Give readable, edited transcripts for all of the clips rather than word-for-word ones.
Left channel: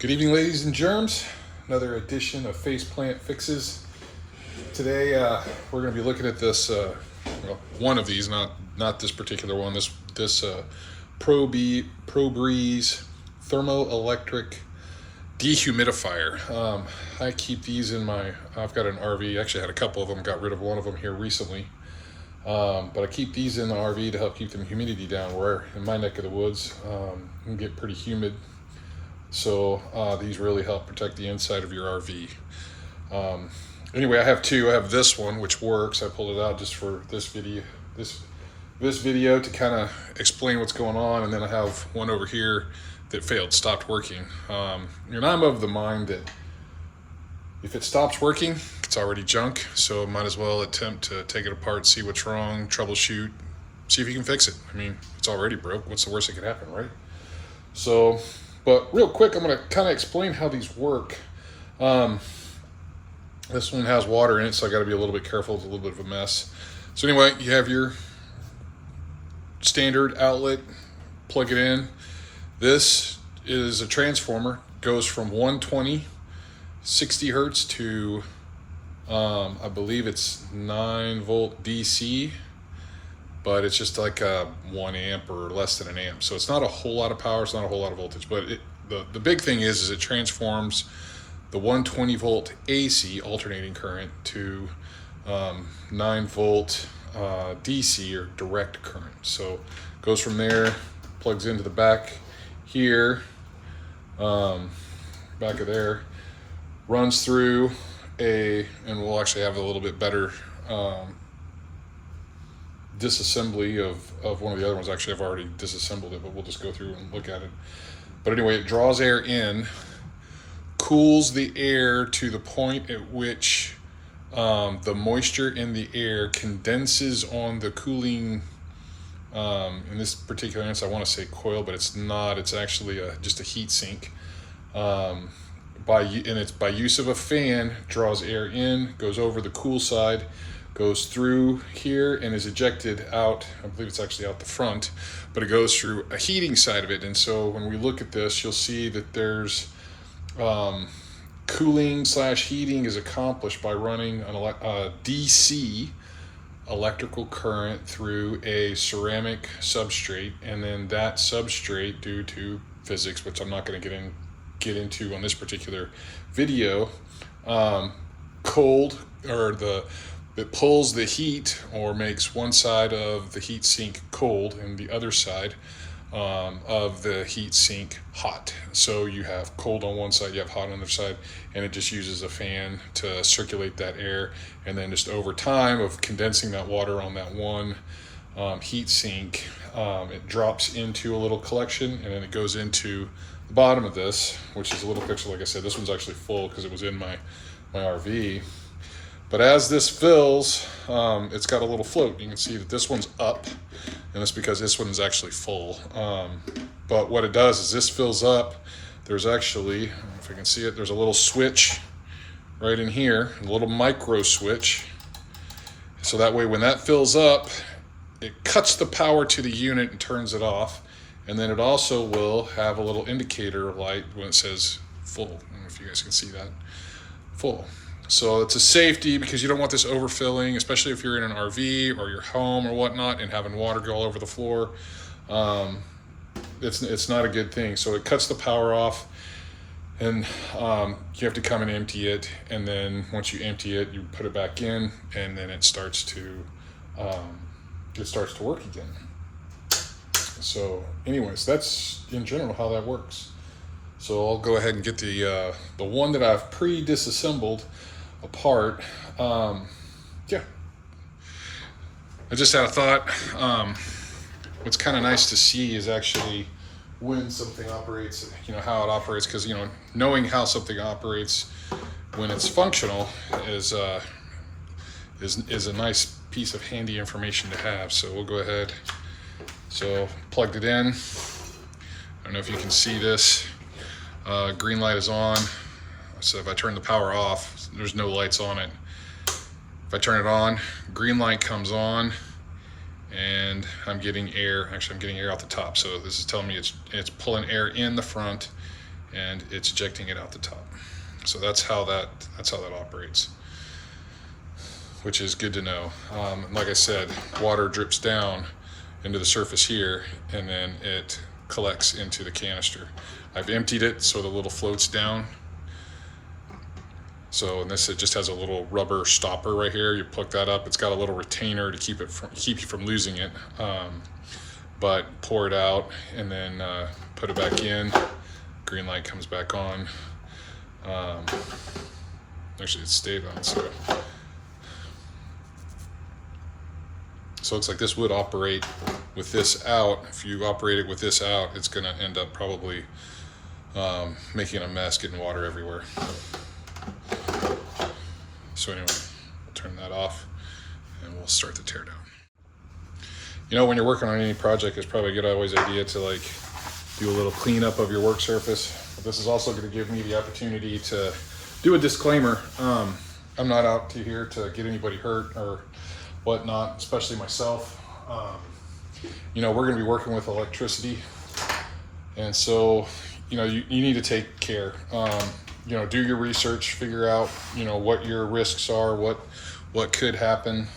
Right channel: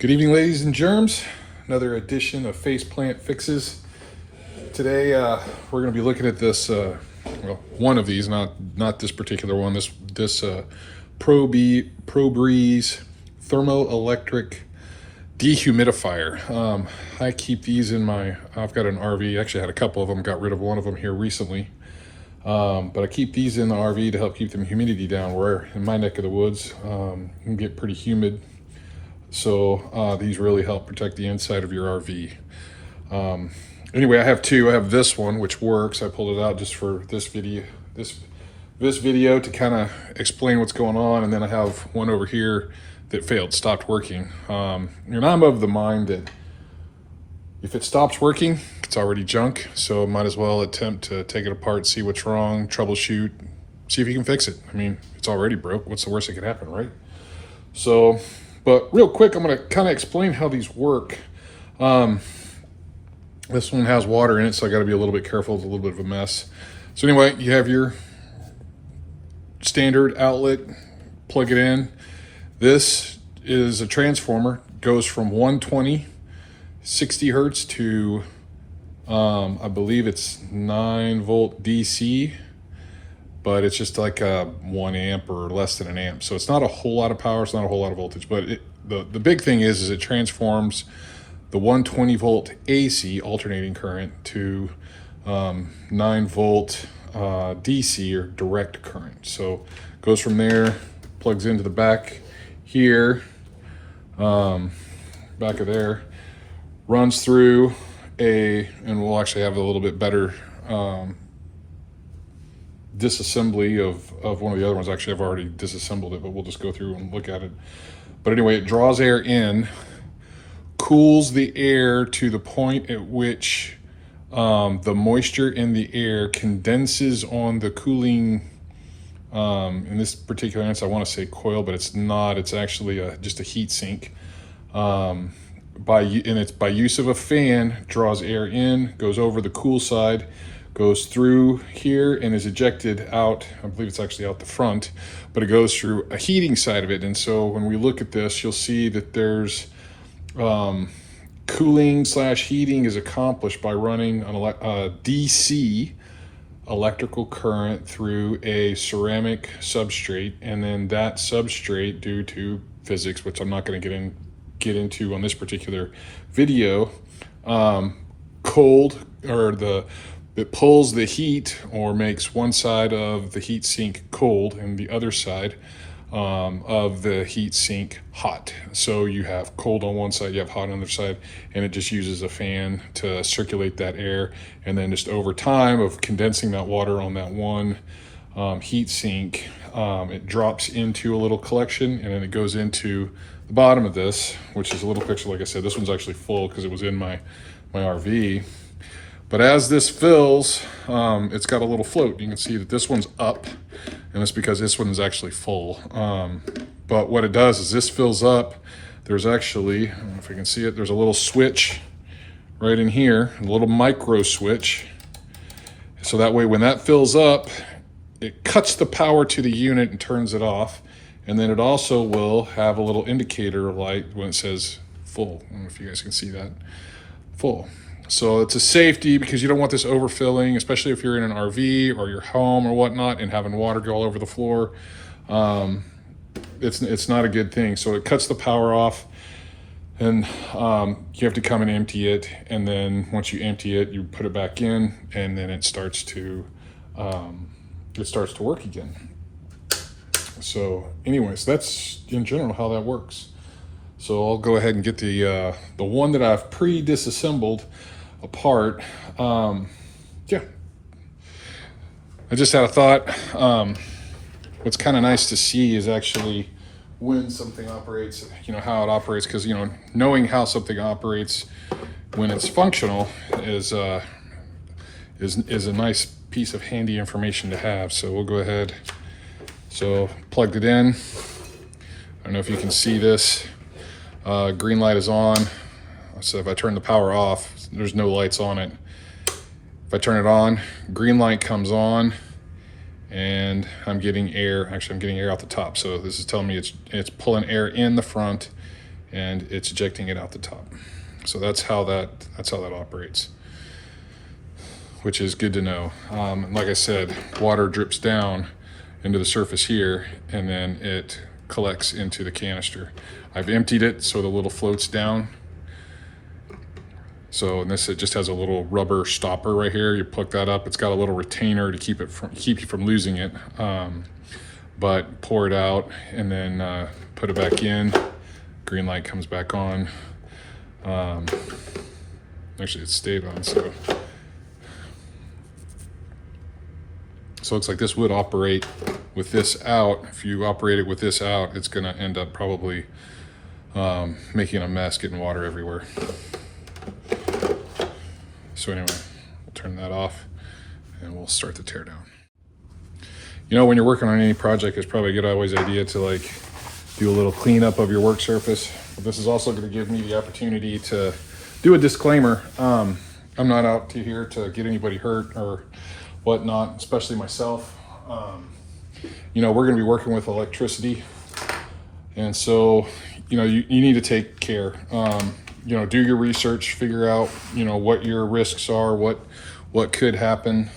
Good evening, ladies and germs. Another edition of Faceplant Fixes. Today, we're going to be looking at this, one of these, not this particular one. This ProBreeze Thermo-Electric Dehumidifier. I keep these in I've got an RV. Actually, I had a couple of them. Got rid of one of them here recently. But I keep these in the RV to help keep the humidity down. Where in my neck of the woods, it can get pretty humid. So these really help protect the inside of your RV. Anyway, I have two. I have this one, which works. I pulled it out just for this video, this video to kind of explain what's going on. And then I have one over here that failed, stopped working. And I'm of the mind that if it stops working, it's already junk. So might as well attempt to take it apart, see what's wrong, troubleshoot, see if you can fix it. I mean, it's already broke. What's the worst that could happen, right? So, but real quick, I'm going to kind of explain how these work. This one has water in it, so I got to be a little bit careful. It's a little bit of a mess. So anyway, you have your standard outlet, plug it in. This is a transformer, goes from 120, 60 hertz to, I believe it's 9 volt DC, but it's just like a 1 amp or less than an amp. So it's not a whole lot of power, it's not a whole lot of voltage, but the big thing is it transforms the 120 volt AC alternating current to 9 volt DC or direct current. So it goes from there, plugs into the back here, back of there, runs through and we'll actually have a little bit better disassembly of one of the other ones. Actually, I've already disassembled it, but we'll just go through and look at it. But anyway, it draws air in, cools the air to the point at which the moisture in the air condenses on the cooling, in this particular instance, I want to say coil, but it's not. It's actually just a heat sink. By use of a fan, draws air in, goes over the cool side, goes through here and is ejected out. I believe it's actually out the front, but it goes through a heating side of it. And so when we look at this, you'll see that there's cooling / heating is accomplished by running a DC electrical current through a ceramic substrate, and then that substrate, due to physics, which I'm not going to get into on this particular video, it pulls the heat, or makes one side of the heat sink cold and the other side of the heat sink hot. So you have cold on one side, you have hot on the other side, and it just uses a fan to circulate that air. And then just over time of condensing that water on that one heat sink, it drops into a little collection, and then it goes into the bottom of this, which is a little picture. Like I said, this one's actually full because it was in my RV. But as this fills, it's got a little float. You can see that this one's up, and it's because this one is actually full. But what it does is this fills up. There's actually, I don't know if you can see it, there's a little switch right in here, a little micro switch. So that way when that fills up, it cuts the power to the unit and turns it off. And then it also will have a little indicator light when it says full. I don't know if you guys can see that. Full. So it's a safety, because you don't want this overfilling, especially if you're in an RV or your home or whatnot and having water go all over the floor. It's not a good thing. So it cuts the power off, and you have to come and empty it. And then once you empty it, you put it back in, and then it starts to work again. So anyways, that's in general how that works. So I'll go ahead and get the one that I've pre-disassembled apart. Yeah, I just had a thought. What's kind of nice to see is actually when something operates, how it operates, because knowing how something operates when it's functional is a nice piece of handy information to have. So we'll go ahead. So plugged it in. I don't know if you can see this. Green light is on. So if I turn the power off, there's no lights on it. If I turn it on, green light comes on, and I'm getting air. Actually, I'm getting air out the top. So this is telling me it's pulling air in the front and it's ejecting it out the top. So that's how that operates, which is good to know. Like I said, water drips down into the surface here, and then it collects into the canister. I've emptied it so the little floats down. So in this, it just has a little rubber stopper right here. You plug that up. It's got a little retainer to keep you from losing it. But pour it out and then put it back in. Green light comes back on. Actually, it stayed on. So it looks like this would operate with this out. If you operate it with this out, it's going to end up probably making a mess, getting water everywhere. So anyway, we'll turn that off and we'll start the tear down. You know, when you're working on any project, it's probably a good always idea to like do a little cleanup of your work surface. But this is also going to give me the opportunity to do a disclaimer. I'm not out here to get anybody hurt or whatnot, especially myself. You know, we're going to be working with electricity, and so you know you need to take care. You know, do your research, figure out, you know, what your risks are, what could happen.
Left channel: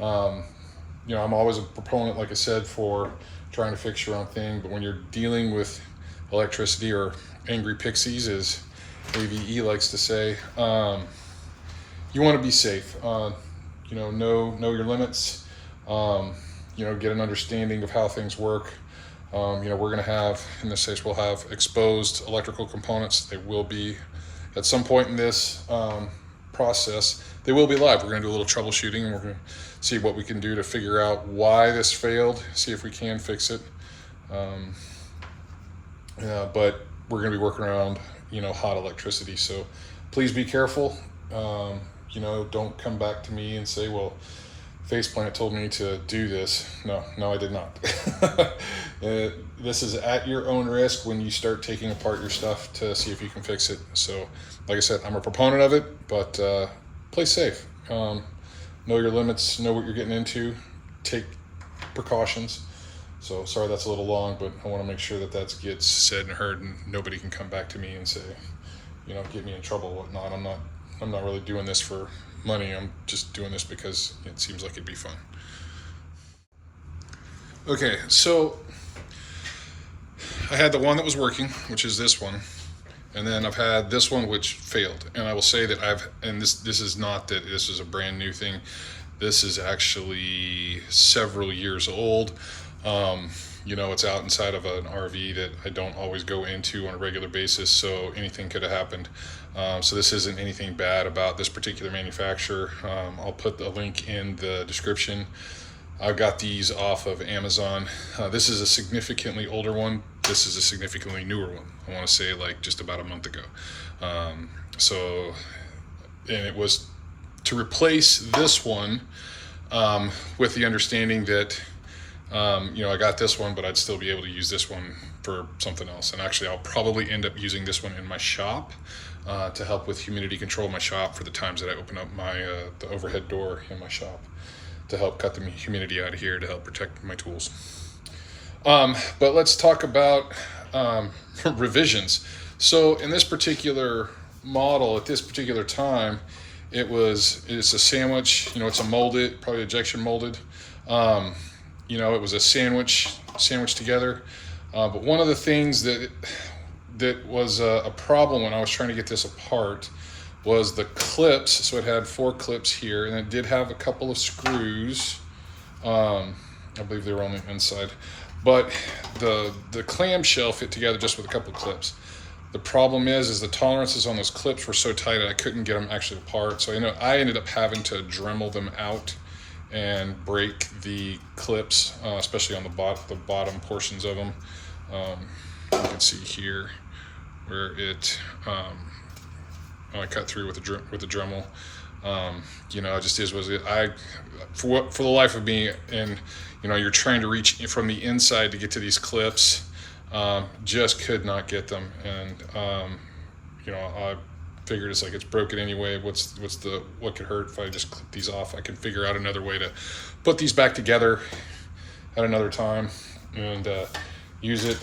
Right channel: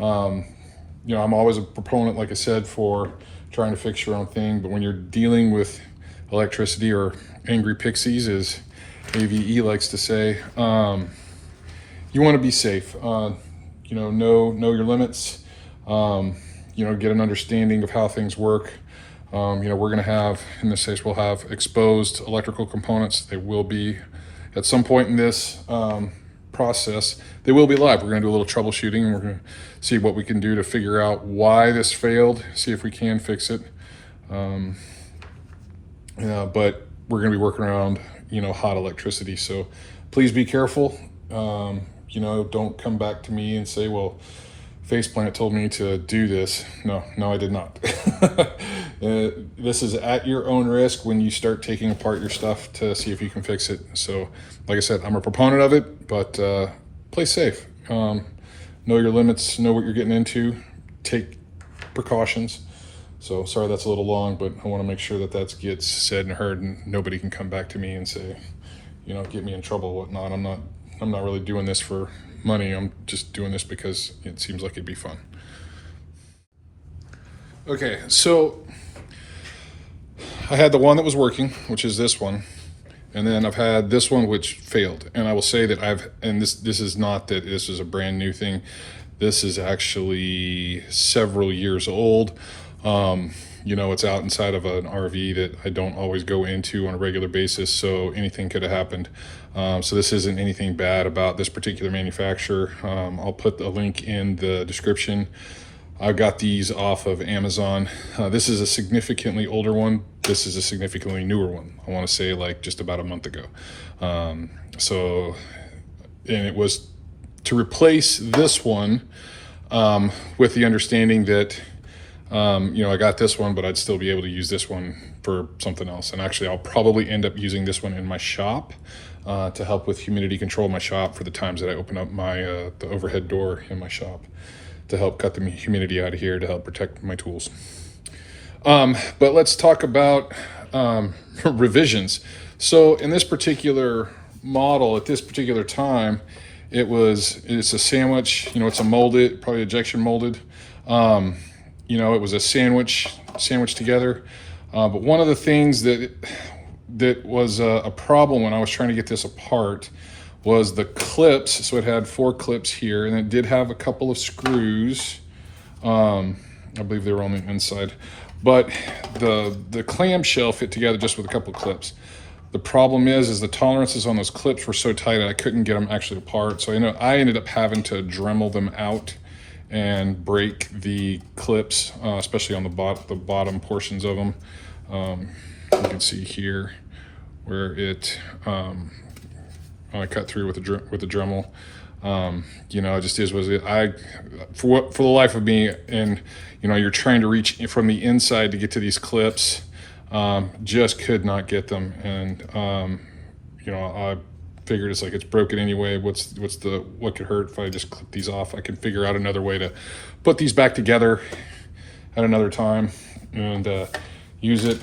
You know, I'm always a proponent, like I said, for trying to fix your own thing. But when you're dealing with electricity, or angry pixies, as AVE likes to say, you want to be safe. You know your limits. You know, get an understanding of how things work. You know, we're going to have, in this case, we'll have exposed electrical components. They will be, at some point in this process, they will be live. We're going to do a little troubleshooting, and we're going to see what we can do to figure out why this failed, see if we can fix it. But we're going to be working around, you know, hot electricity. So please be careful. You know, don't come back to me and say, well, Faceplant told me to do this. No, I did not. This is at your own risk when you start taking apart your stuff to see if you can fix it. So, like I said, I'm a proponent of it, but play safe. Know your limits, know what you're getting into, take precautions. So, sorry that's a little long, but I want to make sure that gets said and heard, and nobody can come back to me and say, you know, get me in trouble or whatnot. I'm not really doing this for money. I'm just doing this because it seems like it'd be fun. Okay, so I had the one that was working, which is this one, and then I've had this one which failed. And I will say that this is not that this is a brand new thing. This is actually several years old. You know, it's out inside of an RV that I don't always go into on a regular basis, so anything could have happened. So this isn't anything bad about this particular manufacturer. I'll put a link in the description. I got these off of Amazon. This is a significantly older one. This is a significantly newer one. I want to say like just about a month ago. And it was to replace this one with the understanding that you know, I got this one, but I'd still be able to use this one for something else. And actually, I'll probably end up using this one in my shop to help with humidity control in my shop for the times that I open up my the overhead door in my shop to help cut the humidity out of here to help protect my tools. But let's talk about revisions. So in this particular model, at this particular time, it's a sandwich. You know, it's a molded, probably injection molded. You know, it was a sandwich together. But one of the things that was a problem when I was trying to get this apart was the clips. So it had 4 clips here, and it did have a couple of screws. I believe they were on the inside. But the clamshell fit together just with a couple of clips. The problem is the tolerances on those clips were so tight I couldn't get them actually apart. So I ended up having to Dremel them out and break the clips, especially on the bottom portions of them. You can see here where it I cut through with the Dremel. You know, it just is what it is. For the life of me, and you know, you're trying to reach from the inside to get to these clips, just could not get them. And you know, I figured it's like it's broken anyway. What could hurt if I just clip these off? I can figure out another way to put these back together at another time. And use it.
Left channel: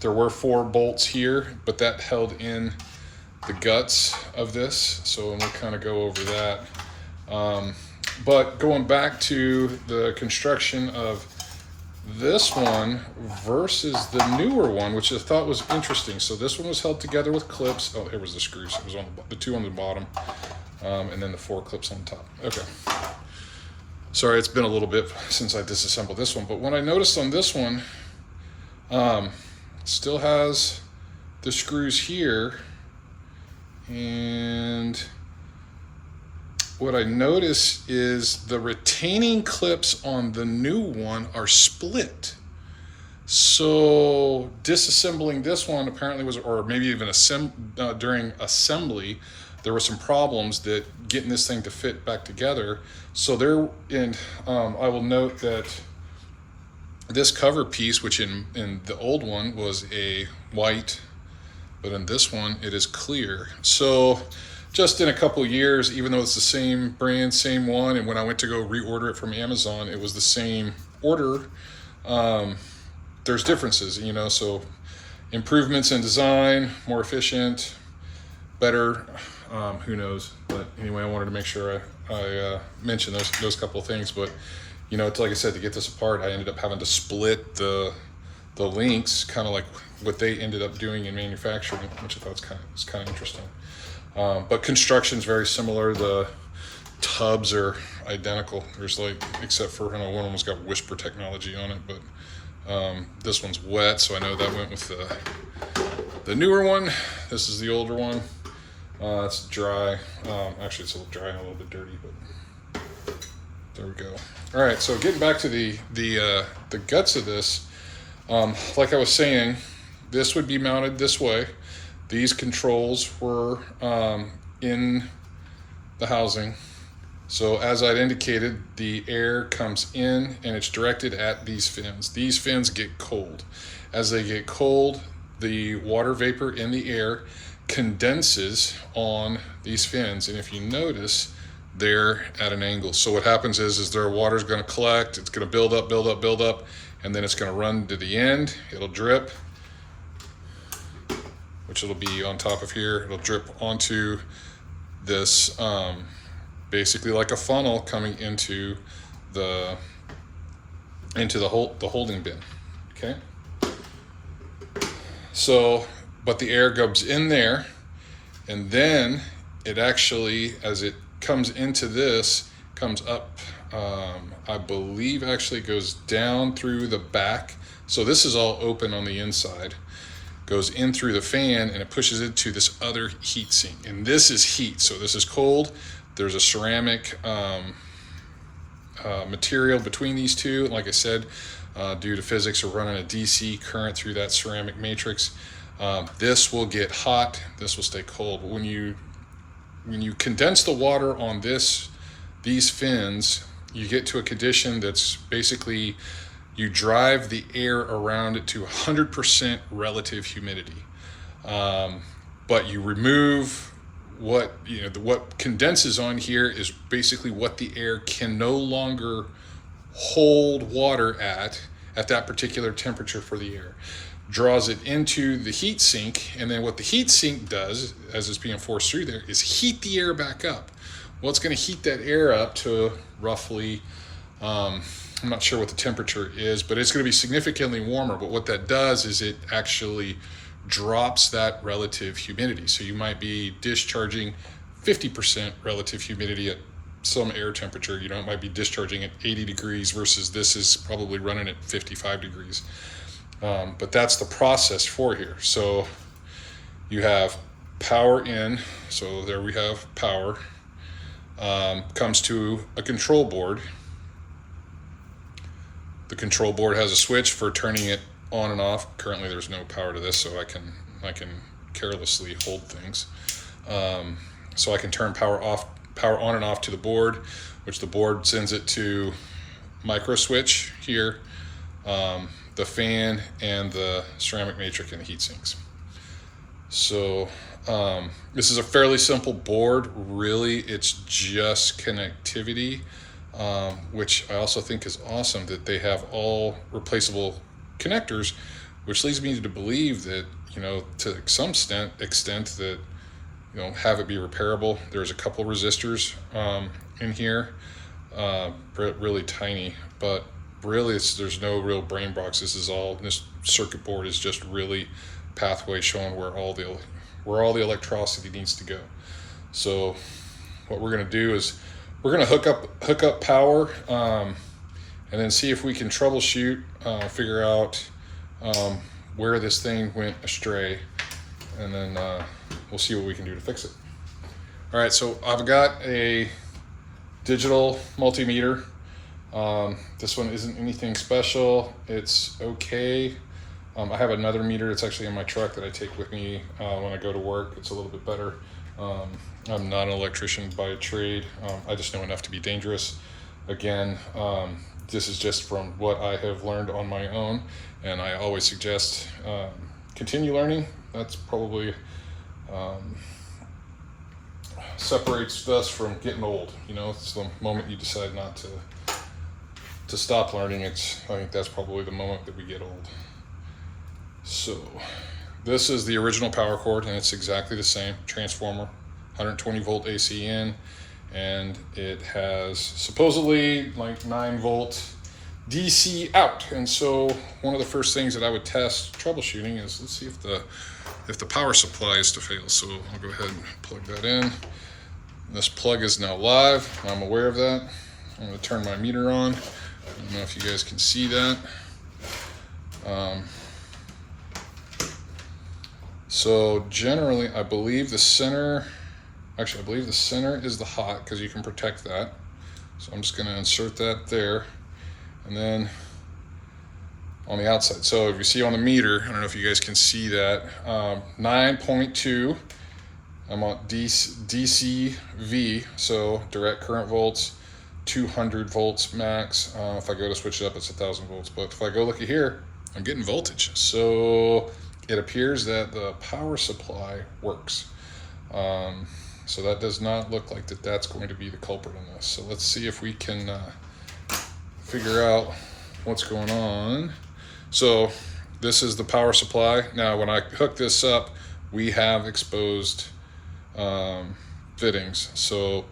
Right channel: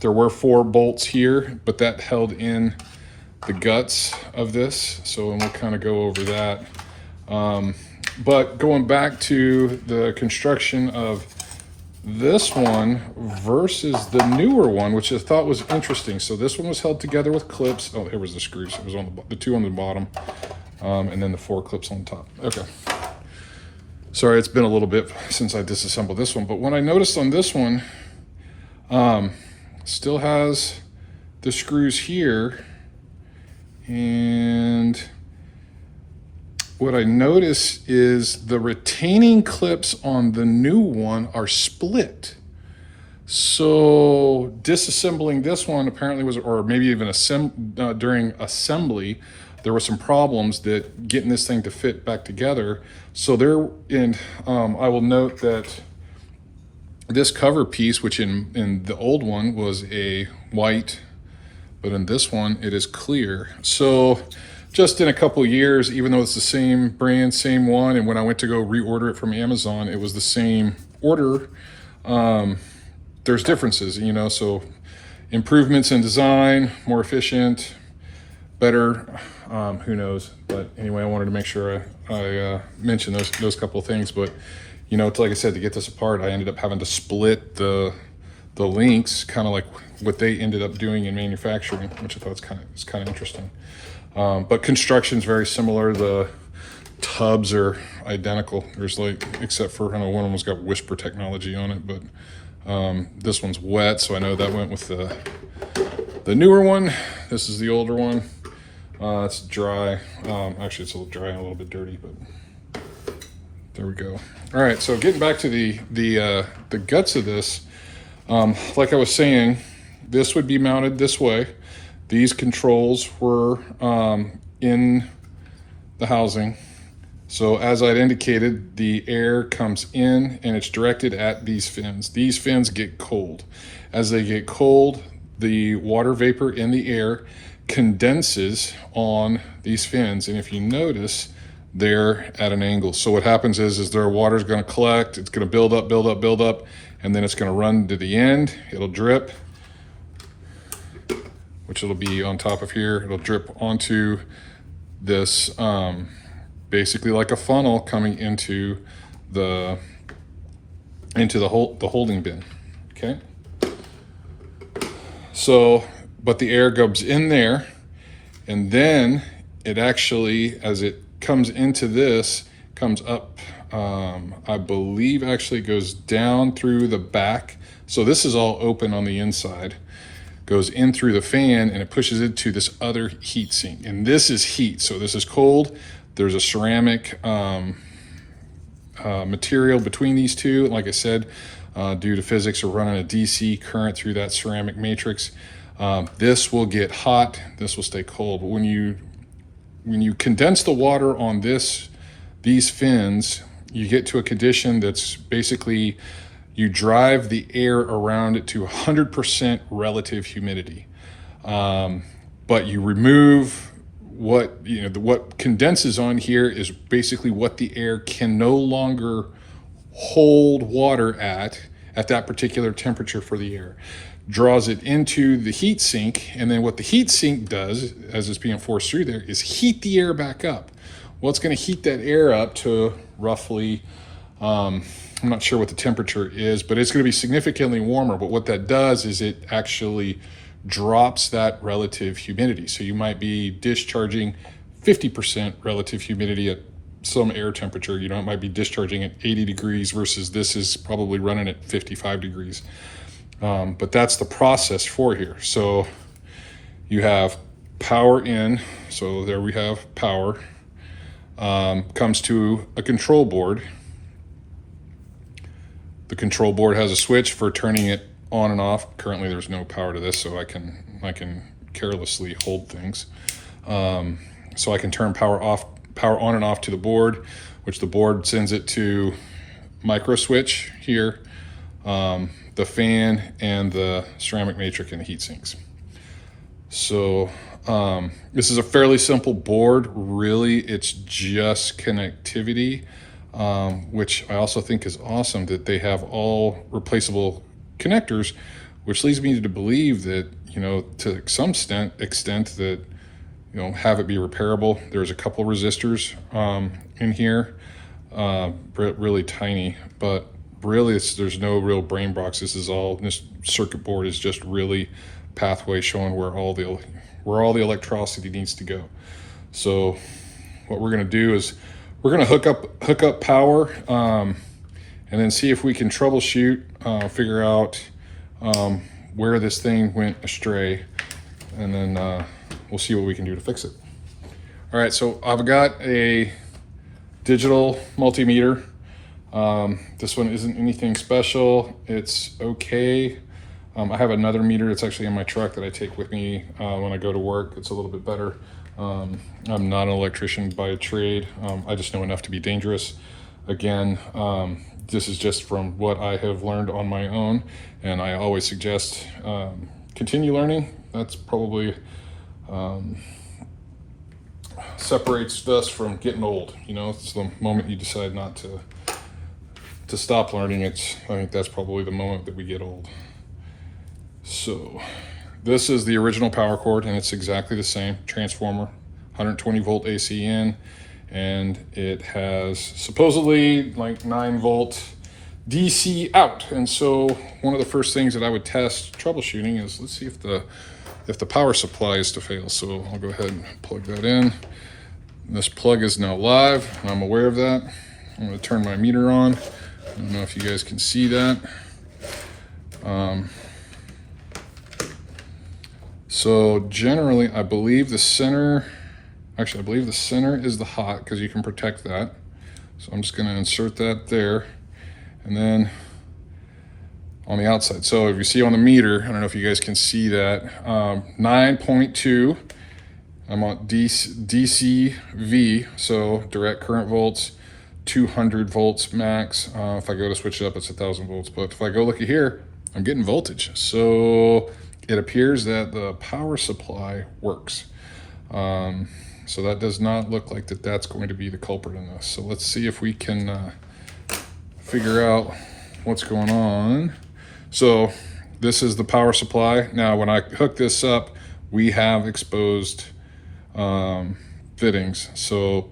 There were 4 bolts here, but that held in the guts of this, so we'll kind of go over that. But going back to the construction of this one versus the newer one, which I thought was interesting. So this one was held together with clips. Oh, it was the screws. It was on the 2 on the bottom, and then the 4 clips on top. Okay. Sorry, it's been a little bit since I disassembled this one, but when I noticed on this one, still has the screws here, and what I notice is the retaining clips on the new one are split. So disassembling this one apparently was, or maybe even during assembly, there were some problems that getting this thing to fit back together. So I will note that this cover piece, which in the old one was a white, but in this one it is clear. So just in a couple of years, even though it's the same brand, same one, and when I went to go reorder it from Amazon, it was the same order, there's differences, you know, so improvements in design, more efficient, better, who knows. But anyway, I wanted to make sure I mentioned those couple of things. But, you know, it's like I said, to get this apart, I ended up having to split the links, kind of like what they ended up doing in manufacturing, which I thought was kind of interesting. But construction's very similar. The tubs are identical. There's except for, I don't know, one of them's got whisper technology on it, but this one's wet, so I know that went with the newer one. This is the older one. It's dry. Actually, it's a little dry and a little bit dirty, but there we go. All right, so getting back to the guts of this, like I was saying, this would be mounted this way. These controls were in the housing. So as I'd indicated, the air comes in and it's directed at these fins. These fins get cold. As they get cold, the water vapor in the air condenses on these fins. And if you notice, they're at an angle. So what happens is their water's gonna collect, it's gonna build up, and then it's gonna run to the end, it'll drip, which it'll be on top of here. It'll drip onto this, basically like a funnel coming into the holding bin. Okay. So, but the air goes in there, and then it actually, as it comes into this, comes up. I believe actually goes down through the back. So this is all open on the inside. Goes in through the fan and it pushes it to this other heat sink, and this is heat, so this is cold. There's a ceramic material between these two. Like I said, due to physics, we're running a DC current through that ceramic matrix. This will get hot, this will stay cold, but when you condense the water on these fins, you get to a condition that's basically, you drive the air around it to 100% relative humidity. But you remove what condenses on here is basically what the air can no longer hold water at that particular temperature for the air. Draws it into the heat sink, and then what the heat sink does, as it's being forced through there, is heat the air back up. Well, it's going to heat that air up to roughly, I'm not sure what the temperature is, but it's going to be significantly warmer. But what that does is it actually drops that relative humidity. So you might be discharging 50% relative humidity at some air temperature. You know, it might be discharging at 80 degrees versus this is probably running at 55 degrees. But that's the process for here. So you have power in, so there we have power, comes to a control board. The control board has a switch for turning it on and off. Currently there's no power to this, so I can carelessly hold things. So I can turn power on and off to the board, which the board sends it to micro switch here, the fan, and the ceramic matrix and the heat sinks. So this is a fairly simple board. Really, it's just connectivity, which I also think is awesome that they have all replaceable connectors, which leads me to believe that, to some extent that, have it be repairable. There's a couple resistors in here, really tiny, but really there's no real brain box. This circuit board is just really pathway showing where all the electricity needs to go. So what we're going to do is we're going to hook up power, and then see if we can troubleshoot, figure out where this thing went astray, and then we'll see what we can do to fix it. All right, so I've got a digital multimeter. This one isn't anything special. It's okay. I have another meter that's actually in my truck that I take with me when I go to work. It's a little bit better. I'm not an electrician by trade. I just know enough to be dangerous. Again, this is just from what I have learned on my own, and I always suggest continue learning. That's probably separates us from getting old. It's the moment you decide not to stop learning. I think that's probably the moment that we get old. So this is the original power cord, and it's exactly the same transformer, 120 volt AC in, and it has supposedly like 9 volt DC out. And so one of the first things that I would test troubleshooting is, let's see if the power supply is to fail. So I'll go ahead and plug that in. This plug is now live, and I'm aware of that. I'm going to turn my meter on. I don't know if you guys can see that. So generally, I believe the center is the hot, because you can protect that. So I'm just going to insert that there, and then on the outside. So if you see on the meter, I don't know if you guys can see that, 9.2. I'm on DCV, so direct current volts, 200 volts max. If I go to switch it up, it's 1,000 volts. But if I go look at here, I'm getting voltage. So it appears that the power supply works. So that does not look like that's going to be the culprit in this. So let's see if we can figure out what's going on. So this is the power supply. Now, when I hook this up, we have exposed fittings. So,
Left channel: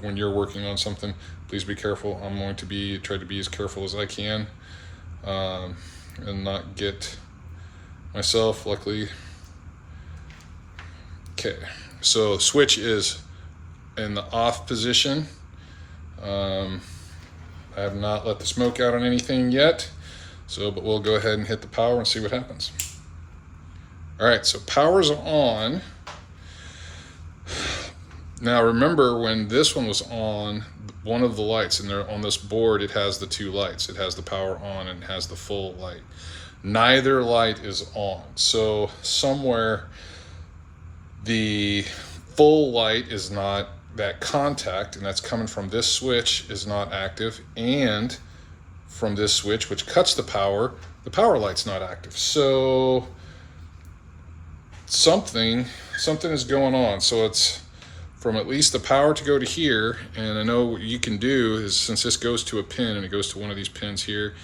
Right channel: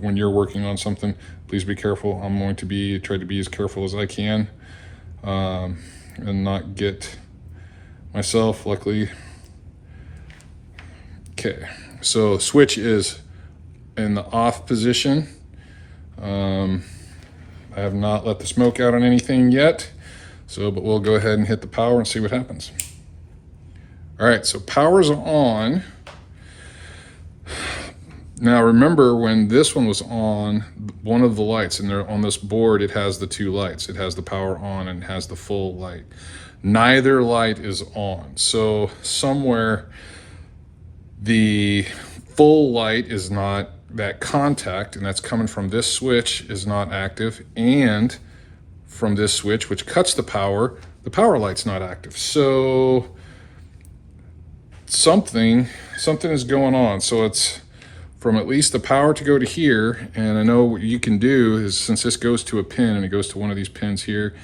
when you're working on something, please be careful. I'm going to try to be as careful as I can, and not get myself, luckily. Okay, so switch is in the off position. I have not let the smoke out on anything yet, but we'll go ahead and hit the power and see what happens. All right, so power's on. Now remember, when this one was on, one of the lights, and on this board it has the 2 lights. It has the power on and it has the full light. Neither light is on. So somewhere the full light is not, that contact, and that's coming from this switch, is not active, and from this switch, which cuts the power light's not active. So something is going on. So it's from at least the power to go to here, and I know what you can do is, since this goes to a pin, and it goes to one of these pins here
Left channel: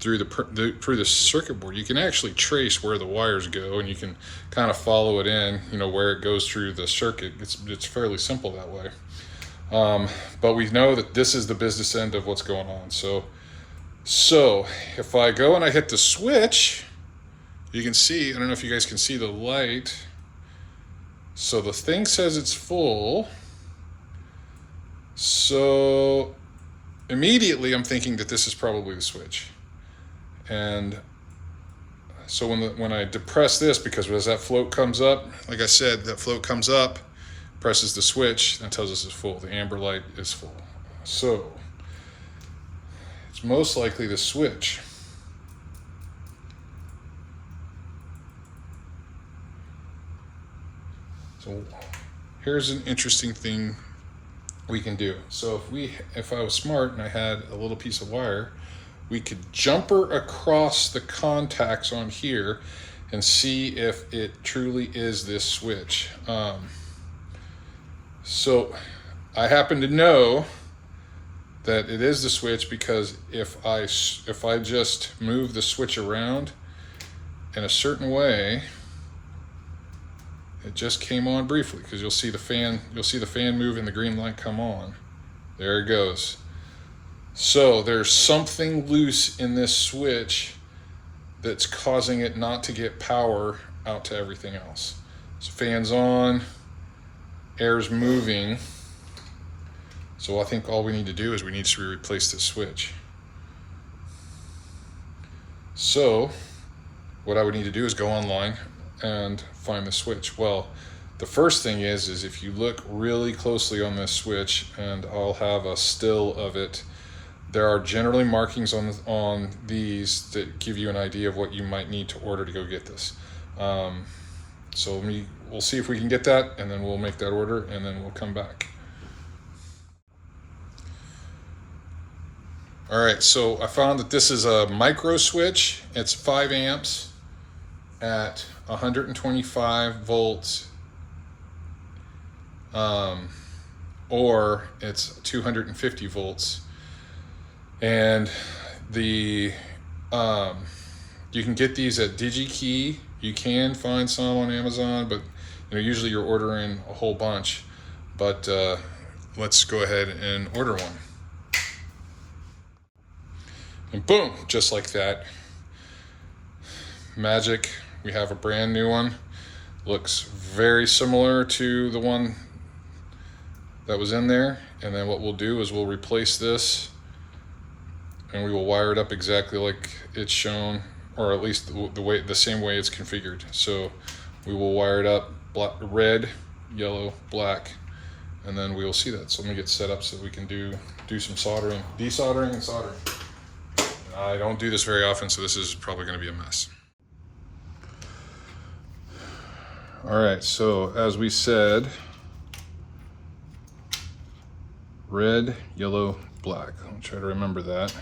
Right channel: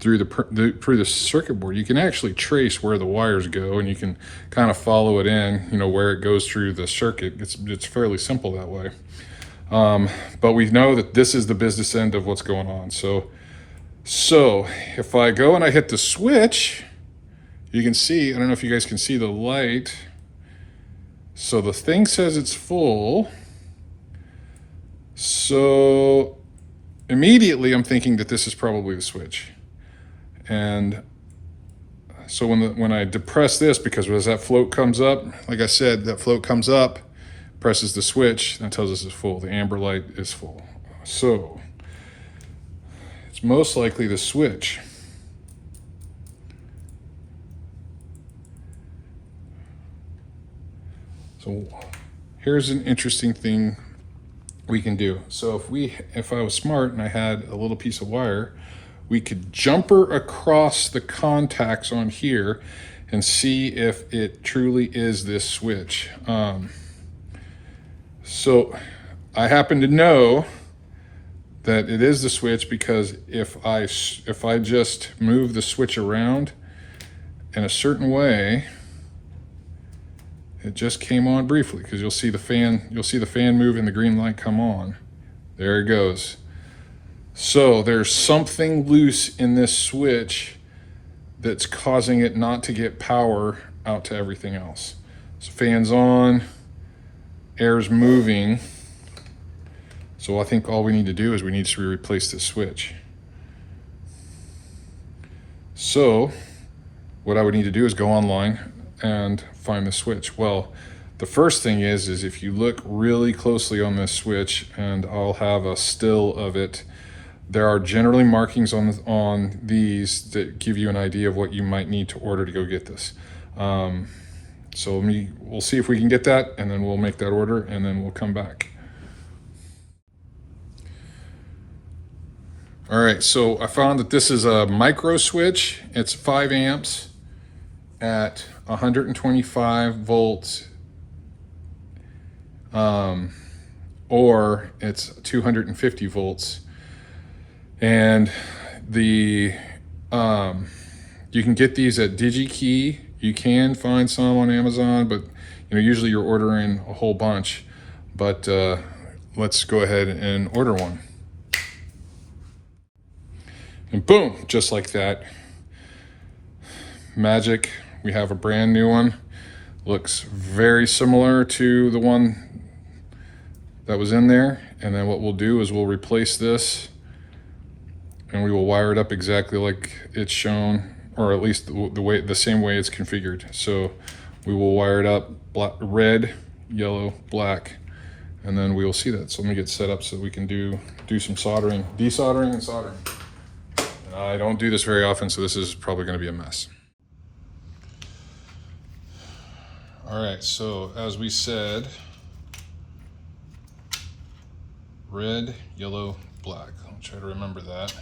through the circuit board, you can actually trace where the wires go, and you can kind of follow it in, where it goes through the circuit. It's fairly simple that way. But we know that this is the business end of what's going on. So if I go and I hit the switch, you can see, I don't know if you guys can see the light. So the thing says it's full. So immediately I'm thinking that this is probably the switch. And so when I depress this, because as that float comes up, like I said, that float comes up, presses the switch, and tells us it's full. The amber light is full. So it's most likely the switch. So here's an interesting thing we can do. So if I was smart and I had a little piece of wire, we could jumper across the contacts on here and see if it truly is this switch. So I happen to know that it is the switch, because if I just move the switch around in a certain way, it just came on briefly, because you'll see the fan move and the green light come on. There it goes. So there's something loose in this switch that's causing it not to get power out to everything else. So fan's on, air's moving. So I think all we need to do is we need to replace this switch. So what I would need to do is go online and find the switch. Well, the first thing is if you look really closely on this switch, and I'll have a still of it, there are generally markings on these that give you an idea of what you might need to order to go get this. So we'll see if we can get that, and then we'll make that order, and then we'll come back. All right, so I found that this is a micro switch. It's 5 amps at 125 volts, or it's 250 volts. And you can get these at DigiKey. You can find some on Amazon, but usually you're ordering a whole bunch. But let's go ahead and order one. And boom, just like that. Magic, we have a brand new one. Looks very similar to the one that was in there. And then what we'll do is we'll replace this, and we will wire it up exactly like it's shown, or at least the same way it's configured. So we will wire it up red, yellow, black, and then we will see that. So let me get set up so we can do some soldering, desoldering and soldering. I don't do this very often, so this is probably going to be a mess. All right, so as we said, red, yellow, black. I'll try to remember that.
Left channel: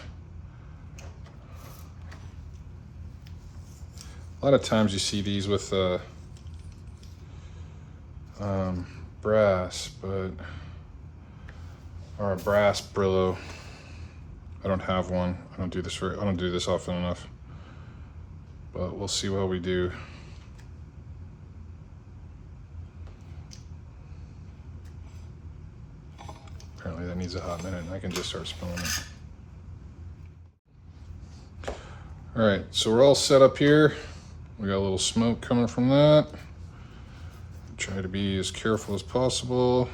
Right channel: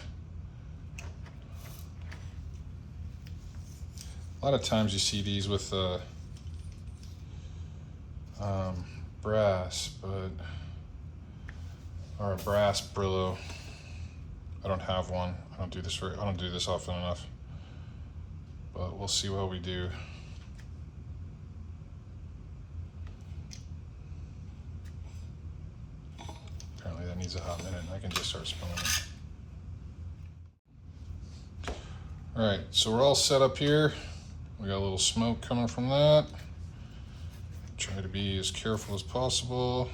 A lot of times you see these with brass, or a brass Brillo. I don't have one. I don't do this often enough, but we'll see what we do. Apparently that needs a hot minute, and I can just start spinning it. All right, so we're all set up here. We got a little smoke coming from that. Try to be as careful as possible.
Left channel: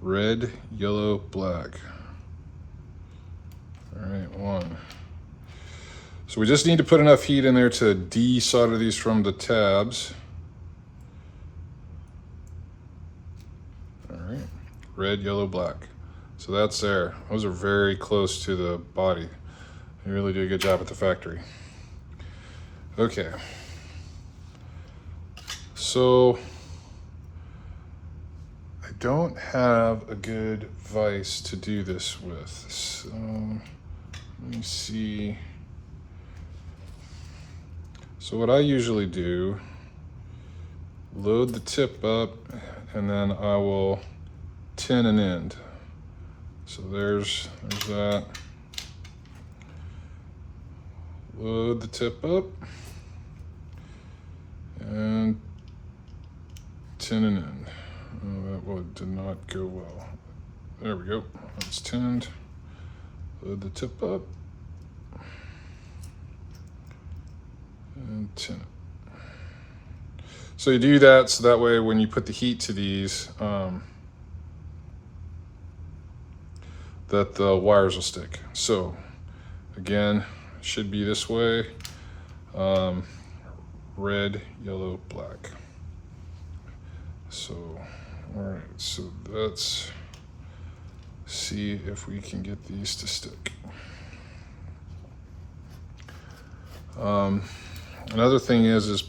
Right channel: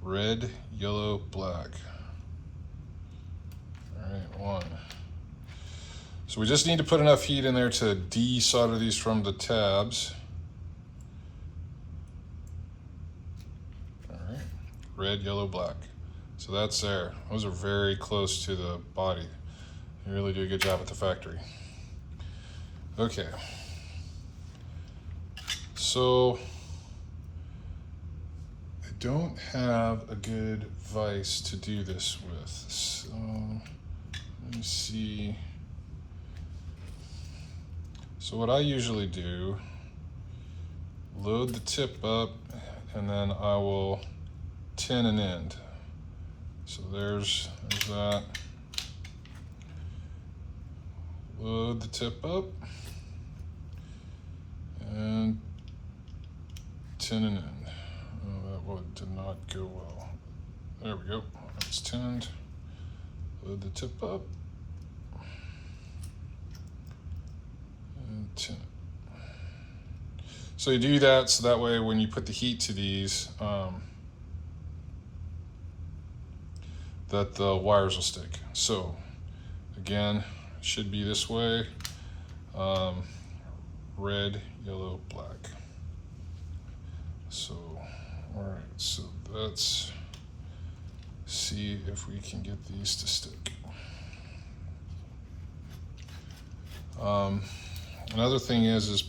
Red, yellow, black. All right, one. So we just need to put enough heat in there to desolder these from the tabs. All right, red, yellow, black. So that's there. Those are very close to the body. They really do a good job at the factory. Okay. So I don't have a good vise to do this with. So let me see. So what I usually do, load the tip up, and then I will tin an end. So there's that. Load the tip up and tin an end. Oh, that did not go well. There we go. It's tinned. Load the tip up and tin it. So you do that so that way when you put the heat to these, that the wires will stick. So again, should be this way. Red, yellow, black. So, all right, so let's see if we can get these to stick. Another thing is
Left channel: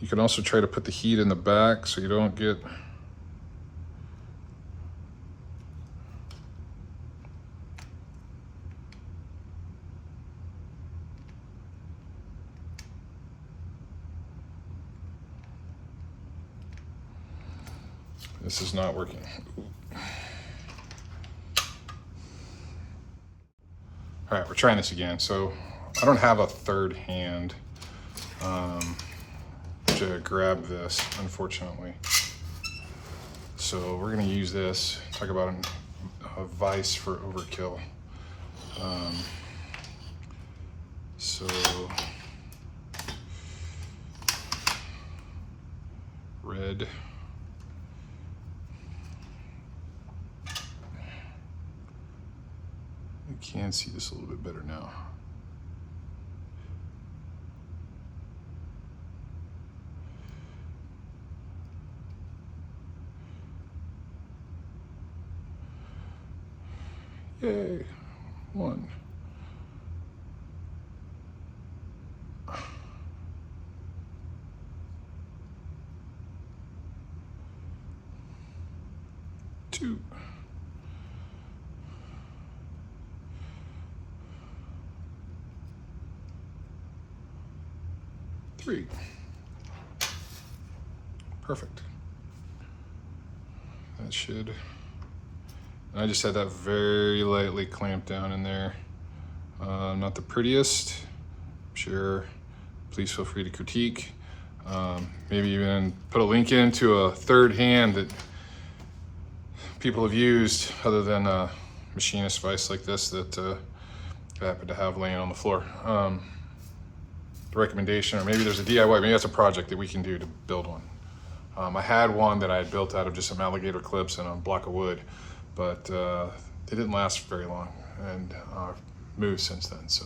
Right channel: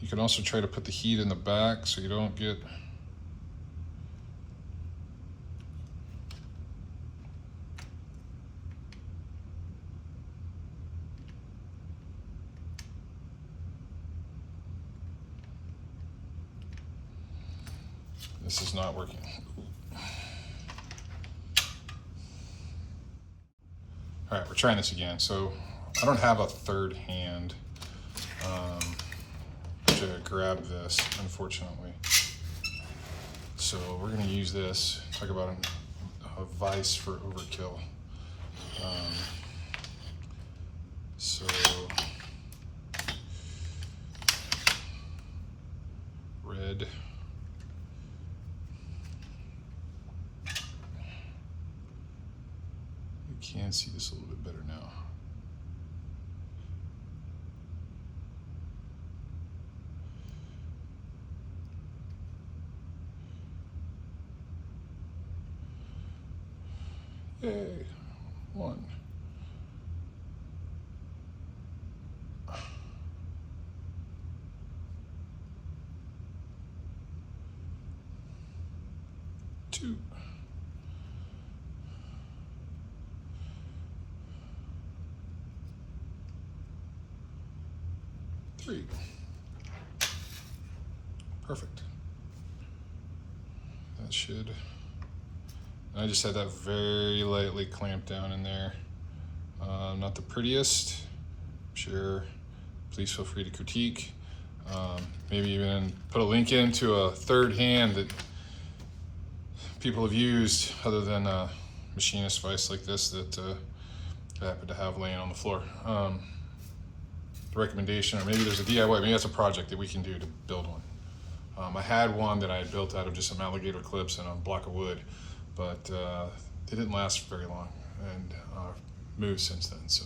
you can also try to put the heat in the back so you don't get this is not working. All right, we're trying this again. So I don't have a third hand to grab this, unfortunately. So we're gonna use this, talk about a vice for overkill. So red. You can see this a little bit better now. Yay, 1. 2. 3. Perfect. That should. And I just had that very lightly clamped down in there. Not the prettiest. I'm sure. Please feel free to critique. Maybe even put a link into a third hand that people have used other than a machinist vice like this that I happen to have laying on the floor. The recommendation, or maybe there's a DIY, maybe that's a project that we can do to build one. I had one that I had built out of just some alligator clips and a block of wood, but it didn't last very long, and moved since then, so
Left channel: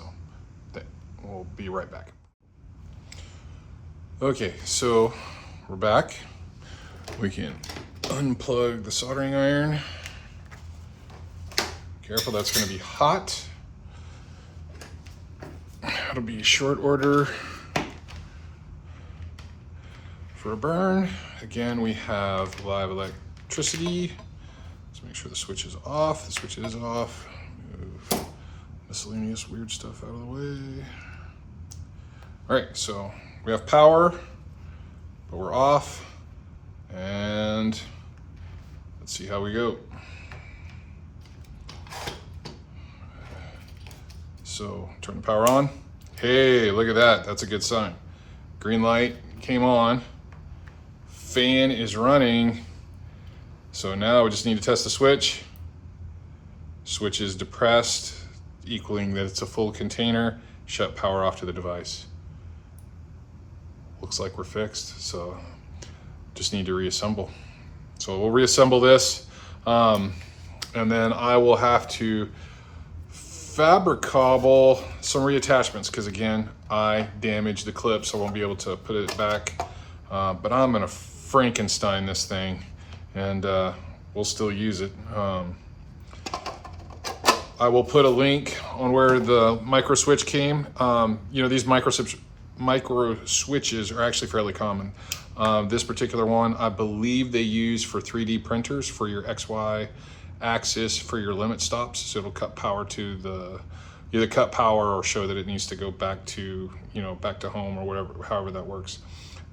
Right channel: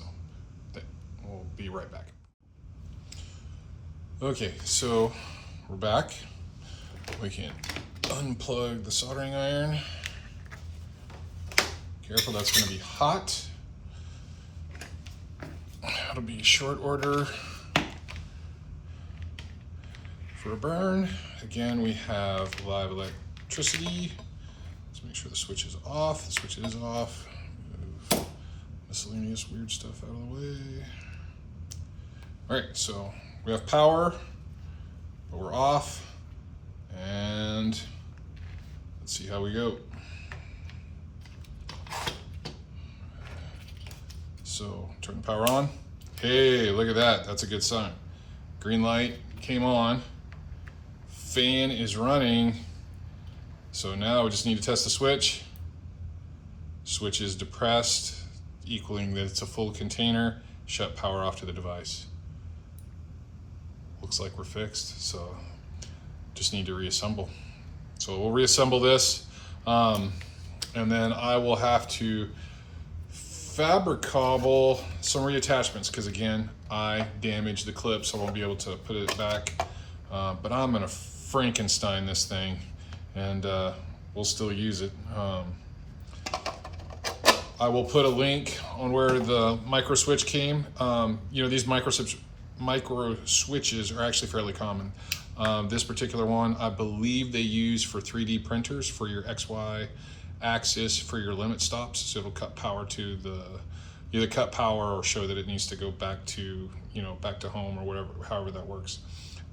we'll be right back. Okay, so we're back. We can unplug the soldering iron. Careful, that's going to be hot. It'll be short order for a burn. Again, we have live electricity. Let's make sure the switch is off. The switch is off. Move miscellaneous weird stuff out of the way. All right, so we have power, but we're off. And let's see how we go. So turn the power on. Hey, look at that. That's a good sign. Green light came on. Fan is running. So now we just need to test the switch. Switch is depressed, equaling that it's a full container. Shut power off to the device. Looks like we're fixed, so just need to reassemble. So we'll reassemble this, and then I will have to fabricable some reattachments, because again, I damaged the clip, so I won't be able to put it back. But I'm gonna Frankenstein this thing, and we'll still use it. I will put a link on where the micro switch came. You know, these micro switches are actually fairly common. This particular one, I believe they use for 3D printers for your XY axis for your limit stops. So it'll cut power to the, either cut power or show that it needs to go back to, you know, back to home or whatever, however that works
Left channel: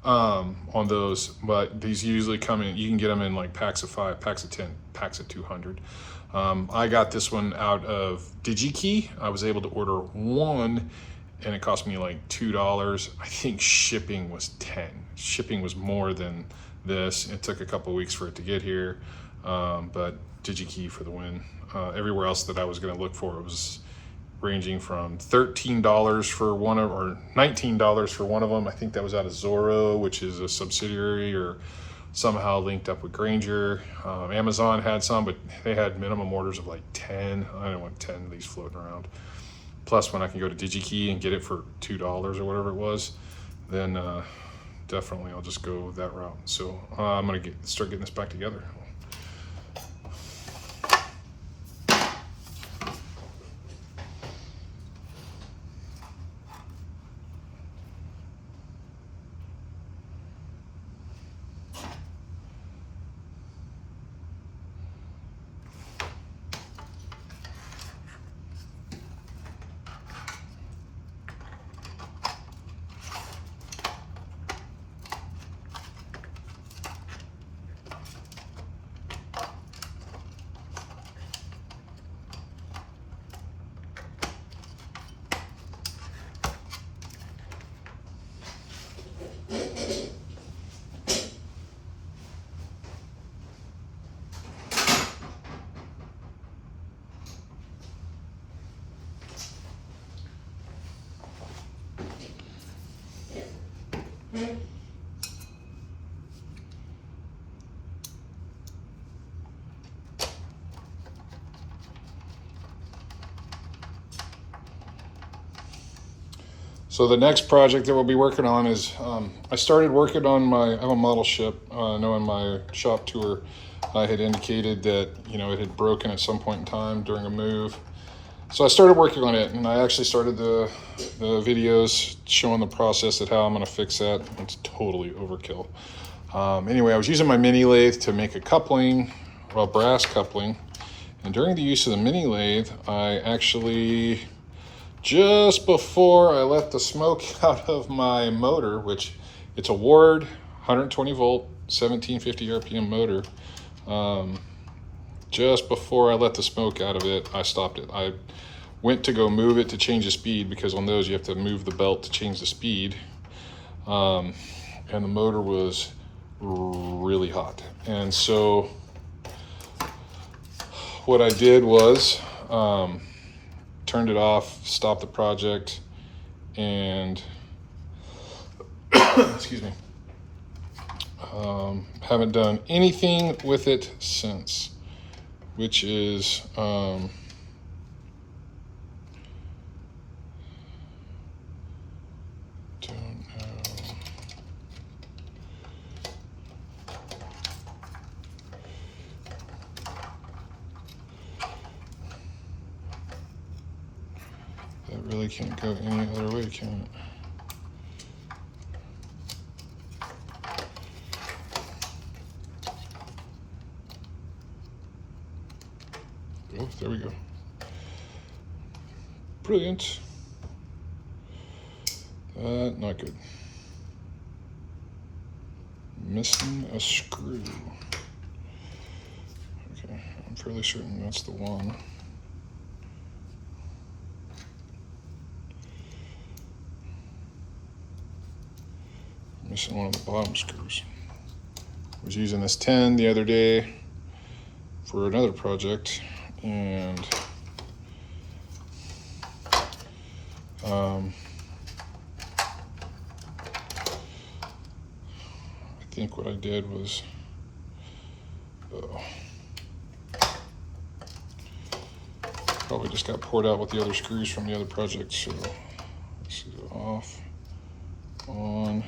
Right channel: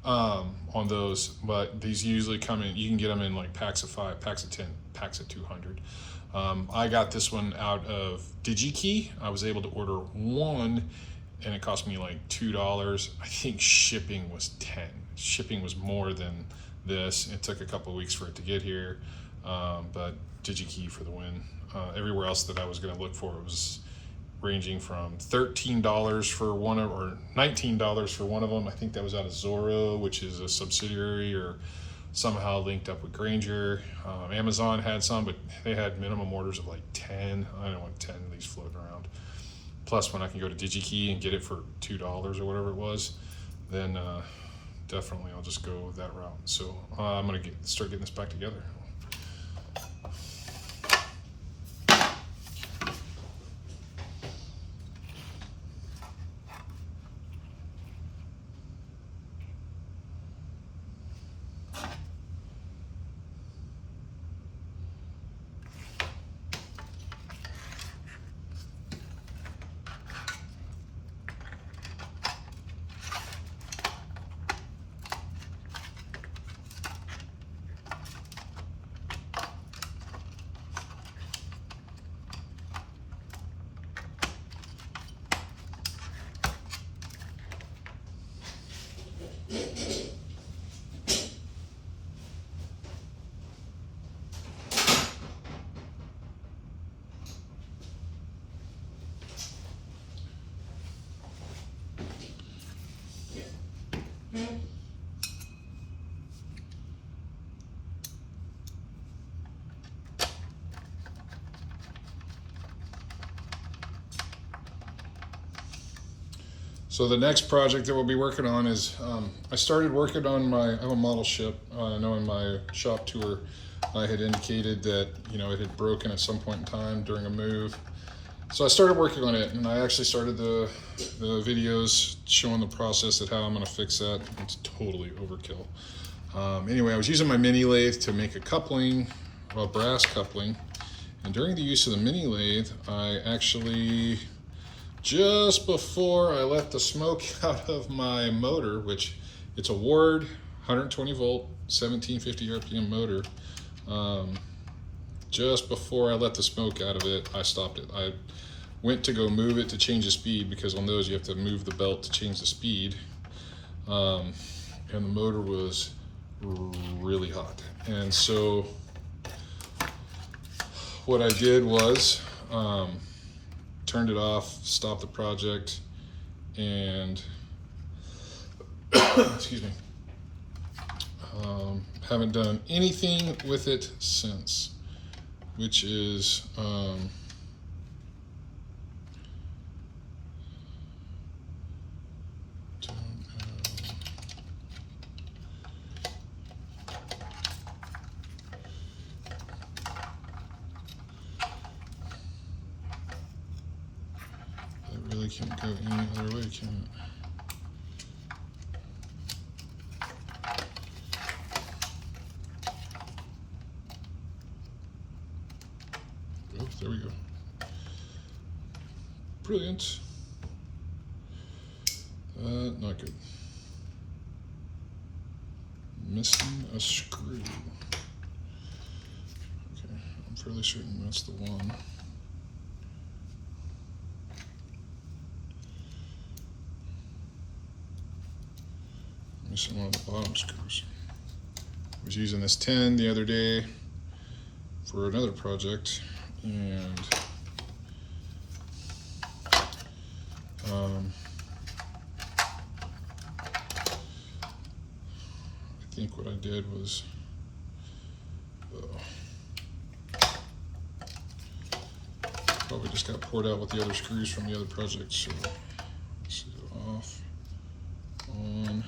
on those. But these usually come in, you can get them in like packs of 5, packs of 10, packs of 200. I got this one out of DigiKey. I was able to order one and it cost me like $2. I think shipping was 10. Shipping was more than this. It took a couple weeks for it to get here, but DigiKey for the win. Everywhere else that I was gonna look for, it was ranging from $13 for one of, or $19 for one of them. I think that was out of Zorro, which is a subsidiary or somehow linked up with Grainger. Amazon had some, but they had minimum orders of like 10. I didn't want 10 of these floating around. Plus, when I can go to DigiKey and get it for $2 or whatever it was, then definitely I'll just go that route. So I'm gonna start getting this back together. So the next project that we'll be working on is, I started working on I have a model ship. I know in my shop tour, I had indicated that, it had broken at some point in time during a move. So I started working on it, and I actually started the videos showing the process of how I'm gonna fix that. It's totally overkill. Anyway, I was using my mini lathe to make a coupling, well, brass coupling. And during the use of the mini lathe, I actually, just before I let the smoke out of my motor, which it's a Ward 120 volt, 1750 RPM motor, just before I let the smoke out of it, I stopped it. I went to go move it to change the speed, because on those you have to move the belt to change the speed. And the motor was really hot. And so what I did was, turned it off, stopped the project, and excuse me, haven't done anything with it since, which is that really can't go any other way, can it? Oh, there we go. Brilliant. Not good. Missing a screw. Okay, I'm fairly certain that's the one. Missing one of the bottom screws. I was using this 10 the other day for another project, and I think what I did was, probably just got poured out with the other screws from the other project. So this is off, on.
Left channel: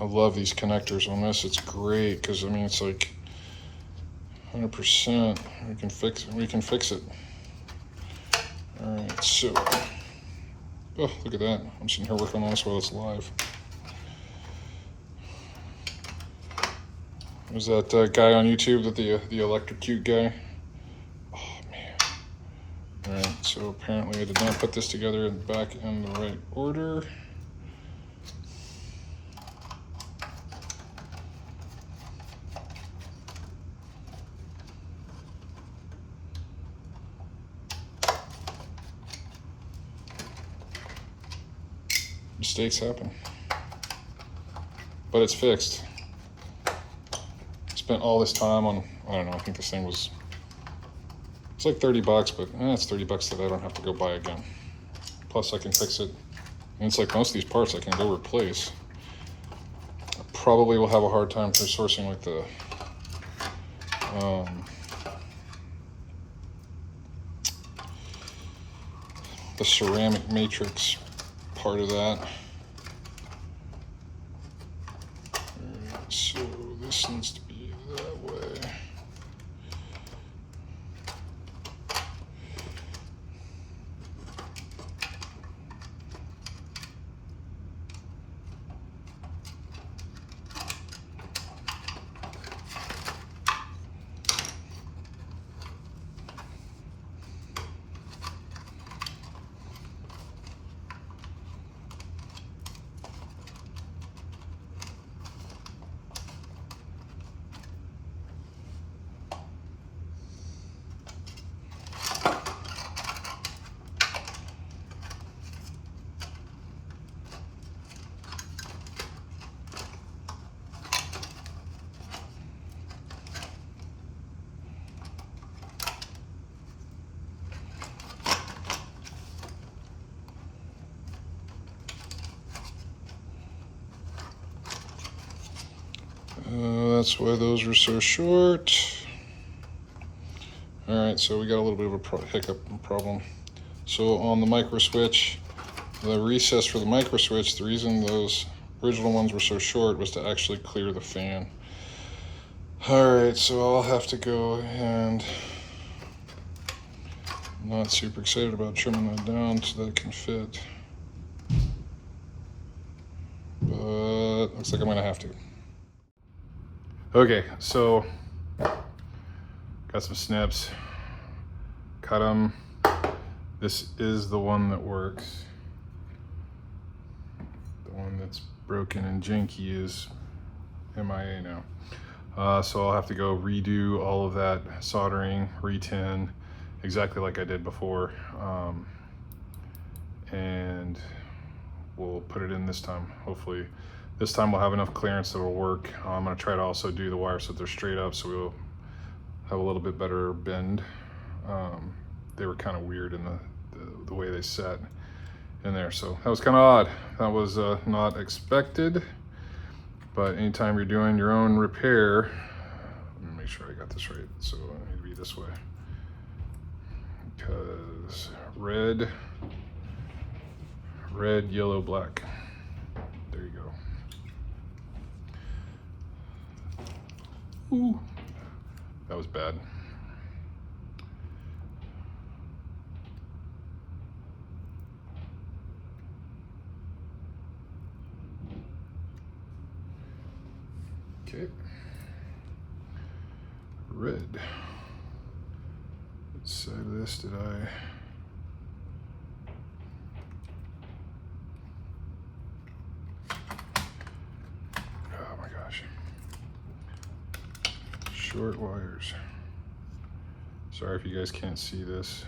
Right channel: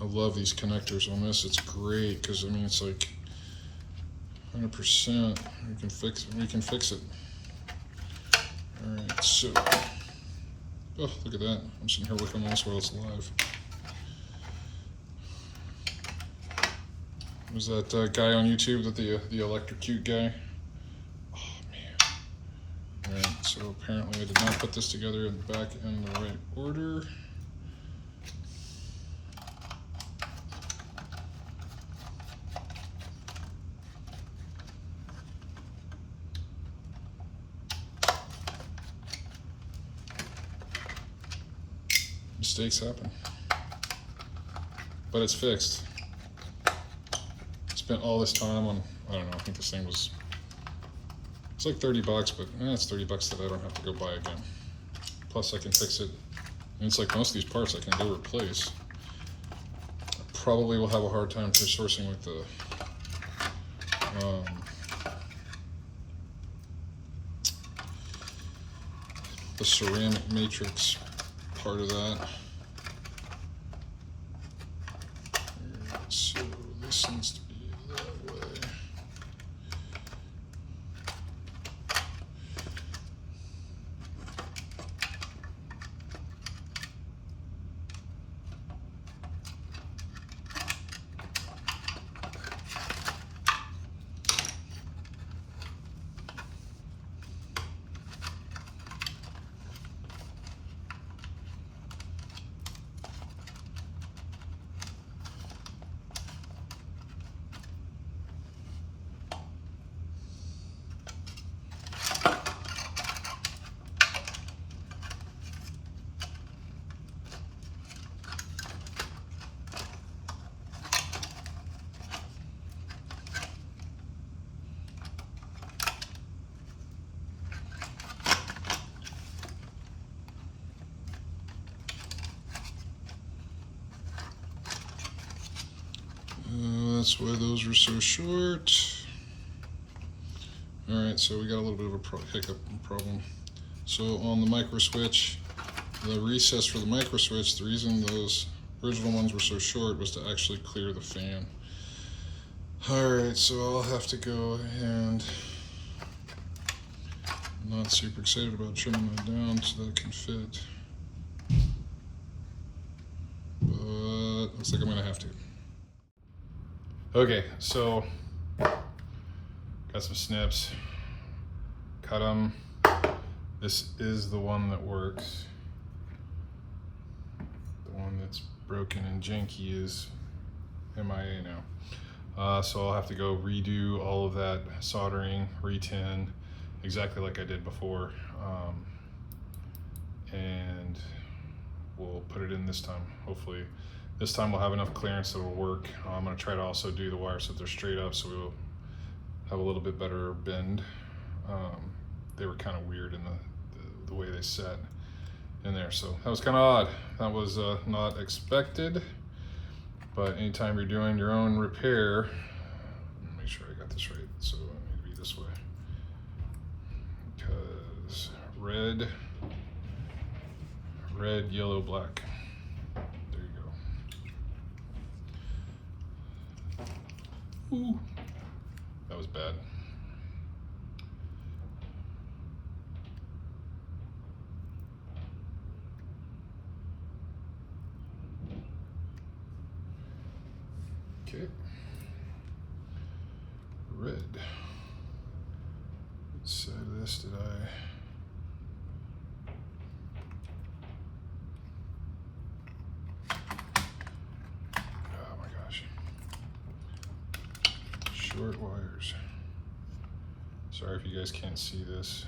I love these connectors on this. It's great because, I mean, it's like 100%. We can fix it. All right, so, oh, look at that. I'm sitting here working on this while it's live. Was that guy on YouTube, that the electrocute guy? Oh man. All right, so apparently I did not put this together back in the right order. Mistakes happen, but it's fixed. Spent all this time on, I don't know, I think this thing was, it's like 30 bucks, but it's 30 bucks that I don't have to go buy again. Plus I can fix it, and it's like most of these parts I can go replace. I probably will have a hard time for sourcing like the ceramic matrix part of that. So this needs to be that way. So that's why those were so short. All right, so we got a little bit of a hiccup problem. So on the micro switch, the recess for the micro switch, the reason those original ones were so short was to actually clear the fan. All right, so I'll have to go and, I'm not super excited about trimming that down so that it can fit. But looks like I'm gonna have to. Okay, so got some snips, cut them. This is the one that works. The one that's broken and janky is MIA now. So I'll have to go redo all of that soldering, re-tin, exactly like I did before. And we'll put it in this time. Hopefully this time we'll have enough clearance that it'll work. I'm gonna try to also do the wires so they're straight up so we'll have a little bit better bend. They were kind of weird in the way they sat in there. So that was kind of odd. That was not expected. But anytime you're doing your own repair, let me make sure I got this right. So let me read this way. Because red, yellow, black. There you go. Ooh, that was bad. Okay. Red. What side of this did I? Oh my gosh. Short wires. Sorry if you guys can't see this.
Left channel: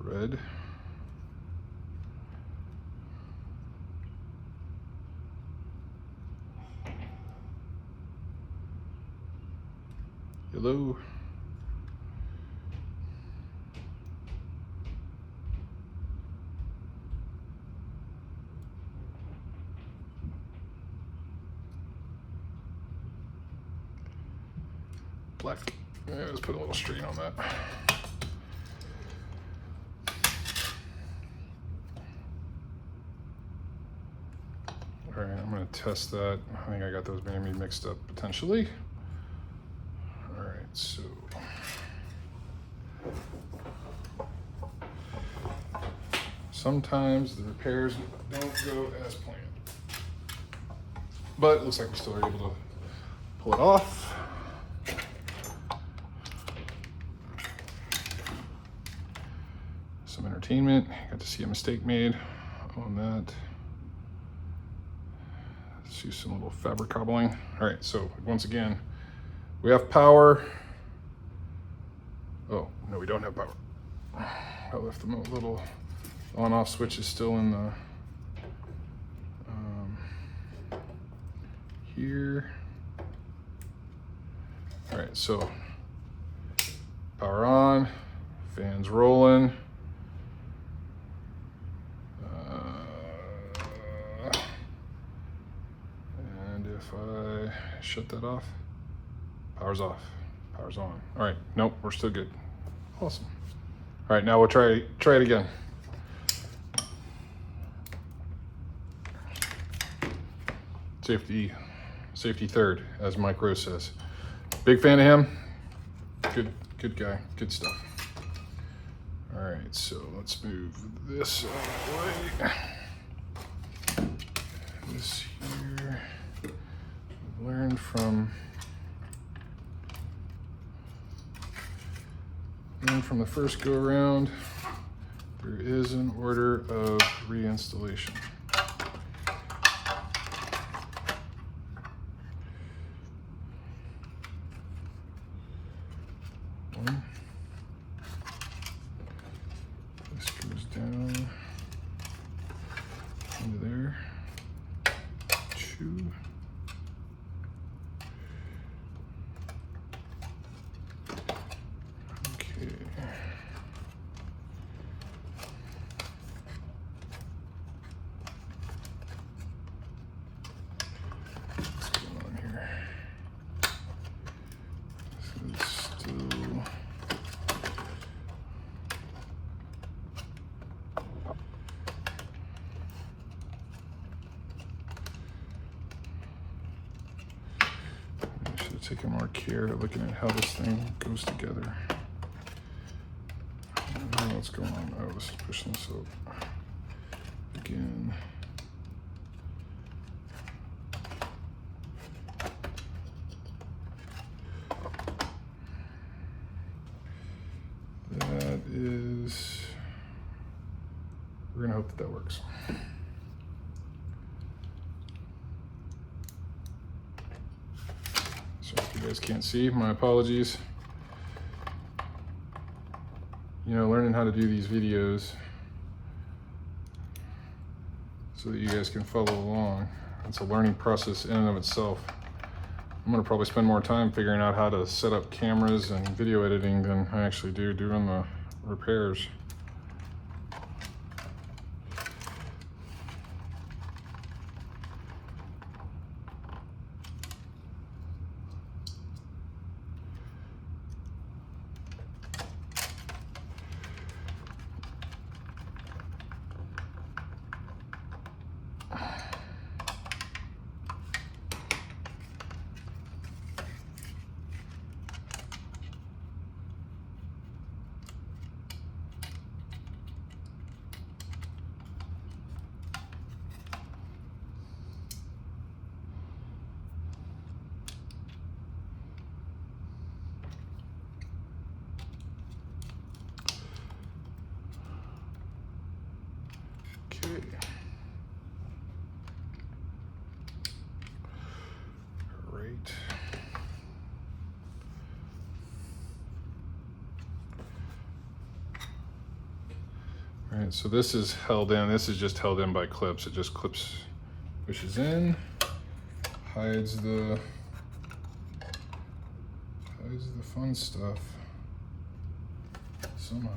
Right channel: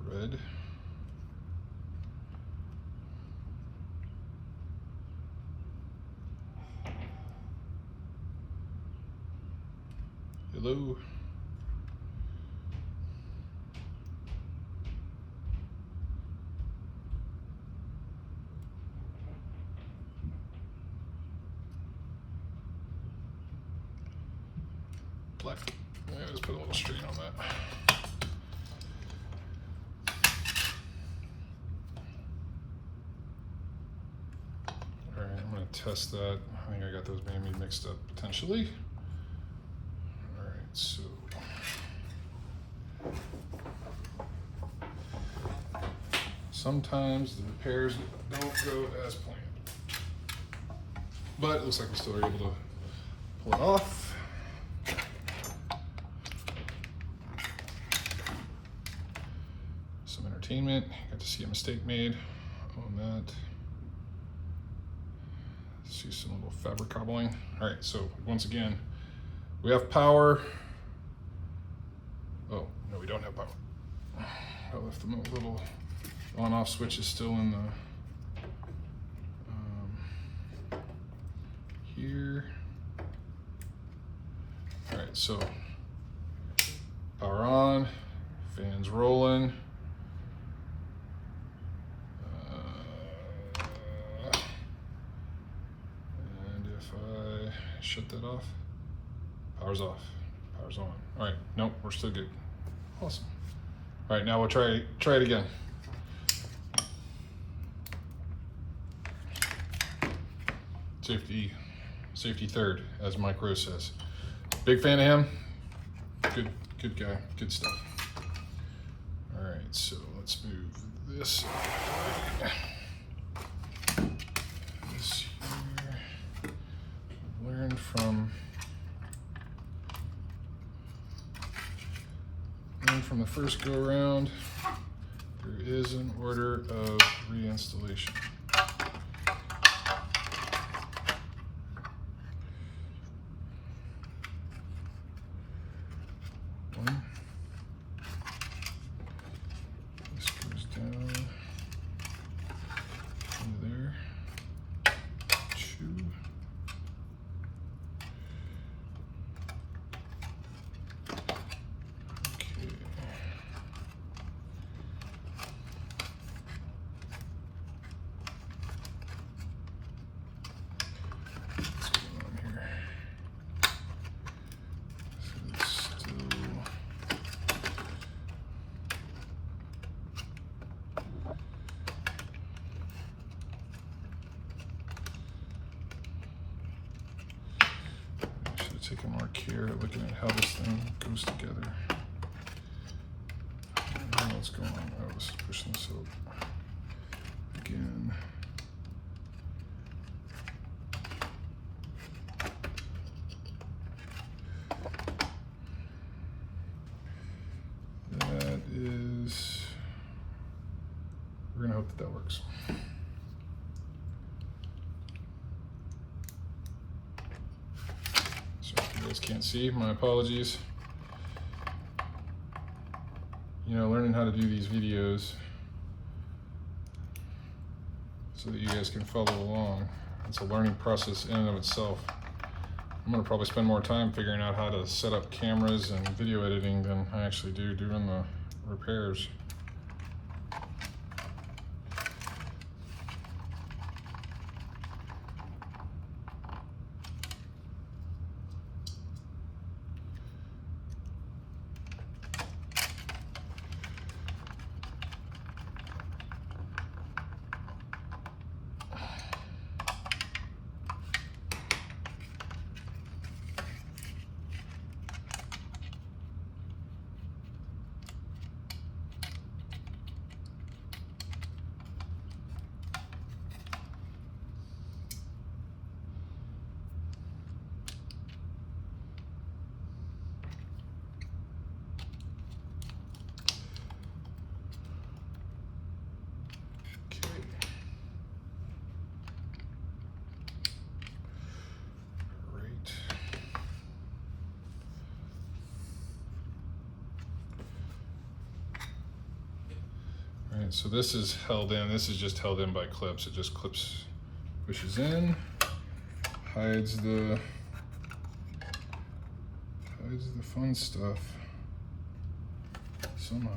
Red. Yellow. Black. Yeah, let's put a little strain on that. All right, I'm gonna test that. I think I got those maybe mixed up potentially. All right, so. Sometimes the repairs don't go as planned. But it looks like we still are able to pull it off. Some entertainment. Got to see a mistake made on that. See some little fabric cobbling. All right, so once again, we have power. Oh, no, we don't have power. I left the little on-off switch is still in the here. All right, so power on, fans rolling. And if I shut that off, power's off, power's on. All right, nope, we're still good. Awesome. All right, now we'll try it again. Safety third, as Mike Rose says. Big fan of him. Good guy, good stuff. All right, so let's move this out of the way. This here. I've learned from the first go around, there is an order of reinstallation. One. This goes down into there. Two. Okay. taking more care, looking at how this thing goes together. I don't know what's going on. I was pushing this up again. That is, we're gonna hope that that works. So if you guys can't see, my apologies. You know, learning how to do these videos so that you guys can follow along. It's a learning process in and of itself. I'm gonna probably spend more time figuring out how to set up cameras and video editing than I actually do doing the repairs. Alright, so this is held in. This is just held in by clips. It just pushes in, hides the fun stuff somehow.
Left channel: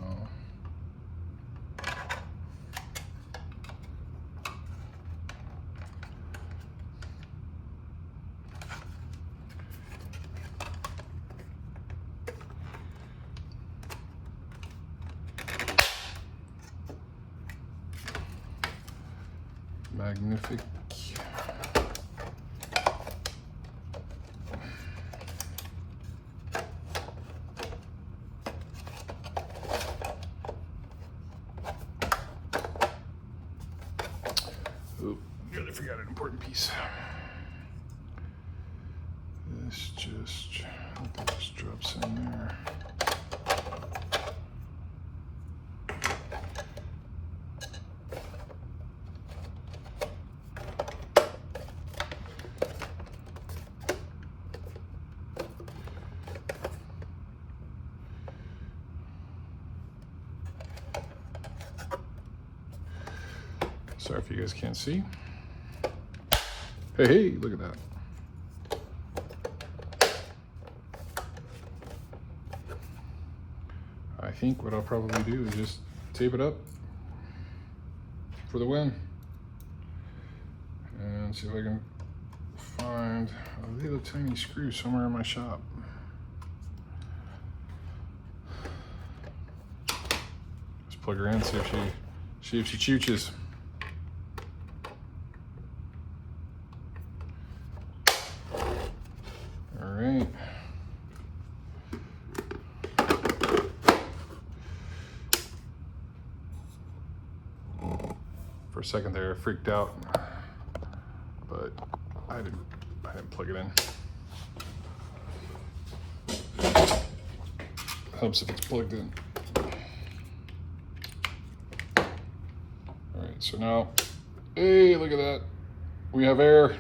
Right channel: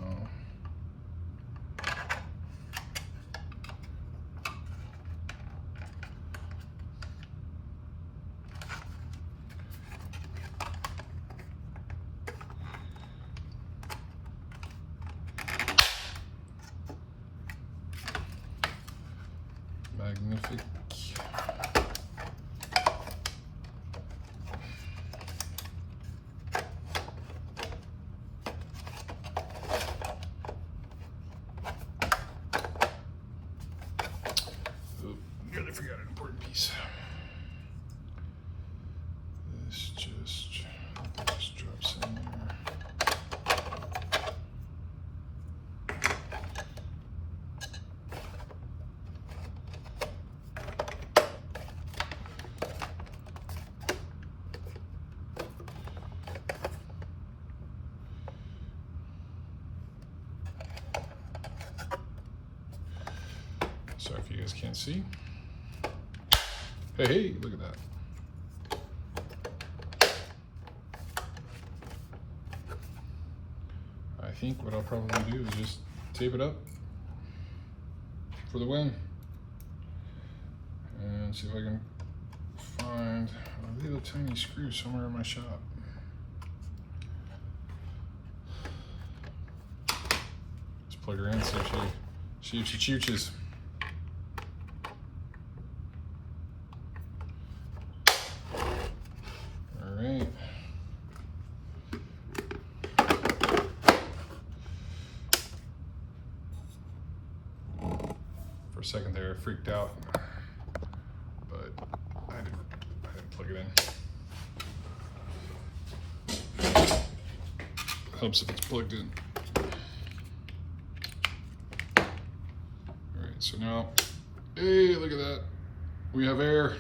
Magnific. Oop, nearly forgot an important piece. This just drops in there. Sorry if you guys can't see. Hey, hey, look at that. I think what I'll probably do is just tape it up for the win. And see if I can find a little tiny screw somewhere in my shop. Just plug her in, see if she chooches. Alright. For a second there, I freaked out, but I had to plug it in. Helps if it's plugged in. Alright, so now, hey, look at that. We have air.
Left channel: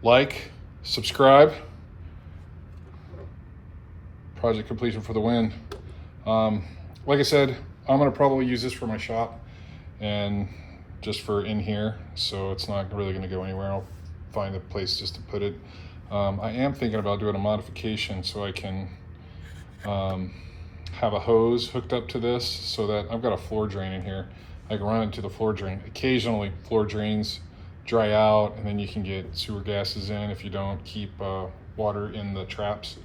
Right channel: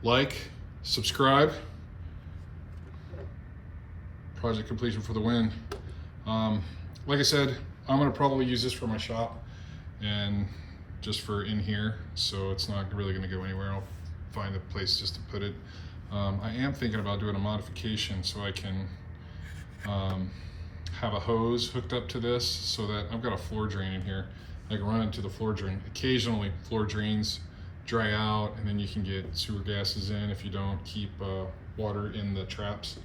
Like, subscribe. Project completion for the win. Like I said, I'm gonna probably use this for my shop and just for in here, so it's not really gonna go anywhere. I'll find a place just to put it. I am thinking about doing a modification so I can have a hose hooked up to this so that I've got a floor drain in here. I can run it to the floor drain. Occasionally, floor drains dry out and then you can get sewer gases in if you don't keep water in the traps.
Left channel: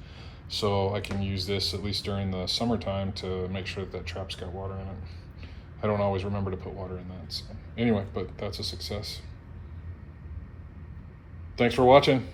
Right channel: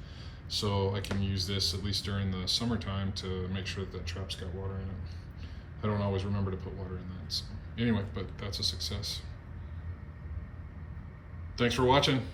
So I can use this at least during the summertime to make sure that that trap's got water in it. I don't always remember to put water in that. So anyway, but that's a success. Thanks for watching.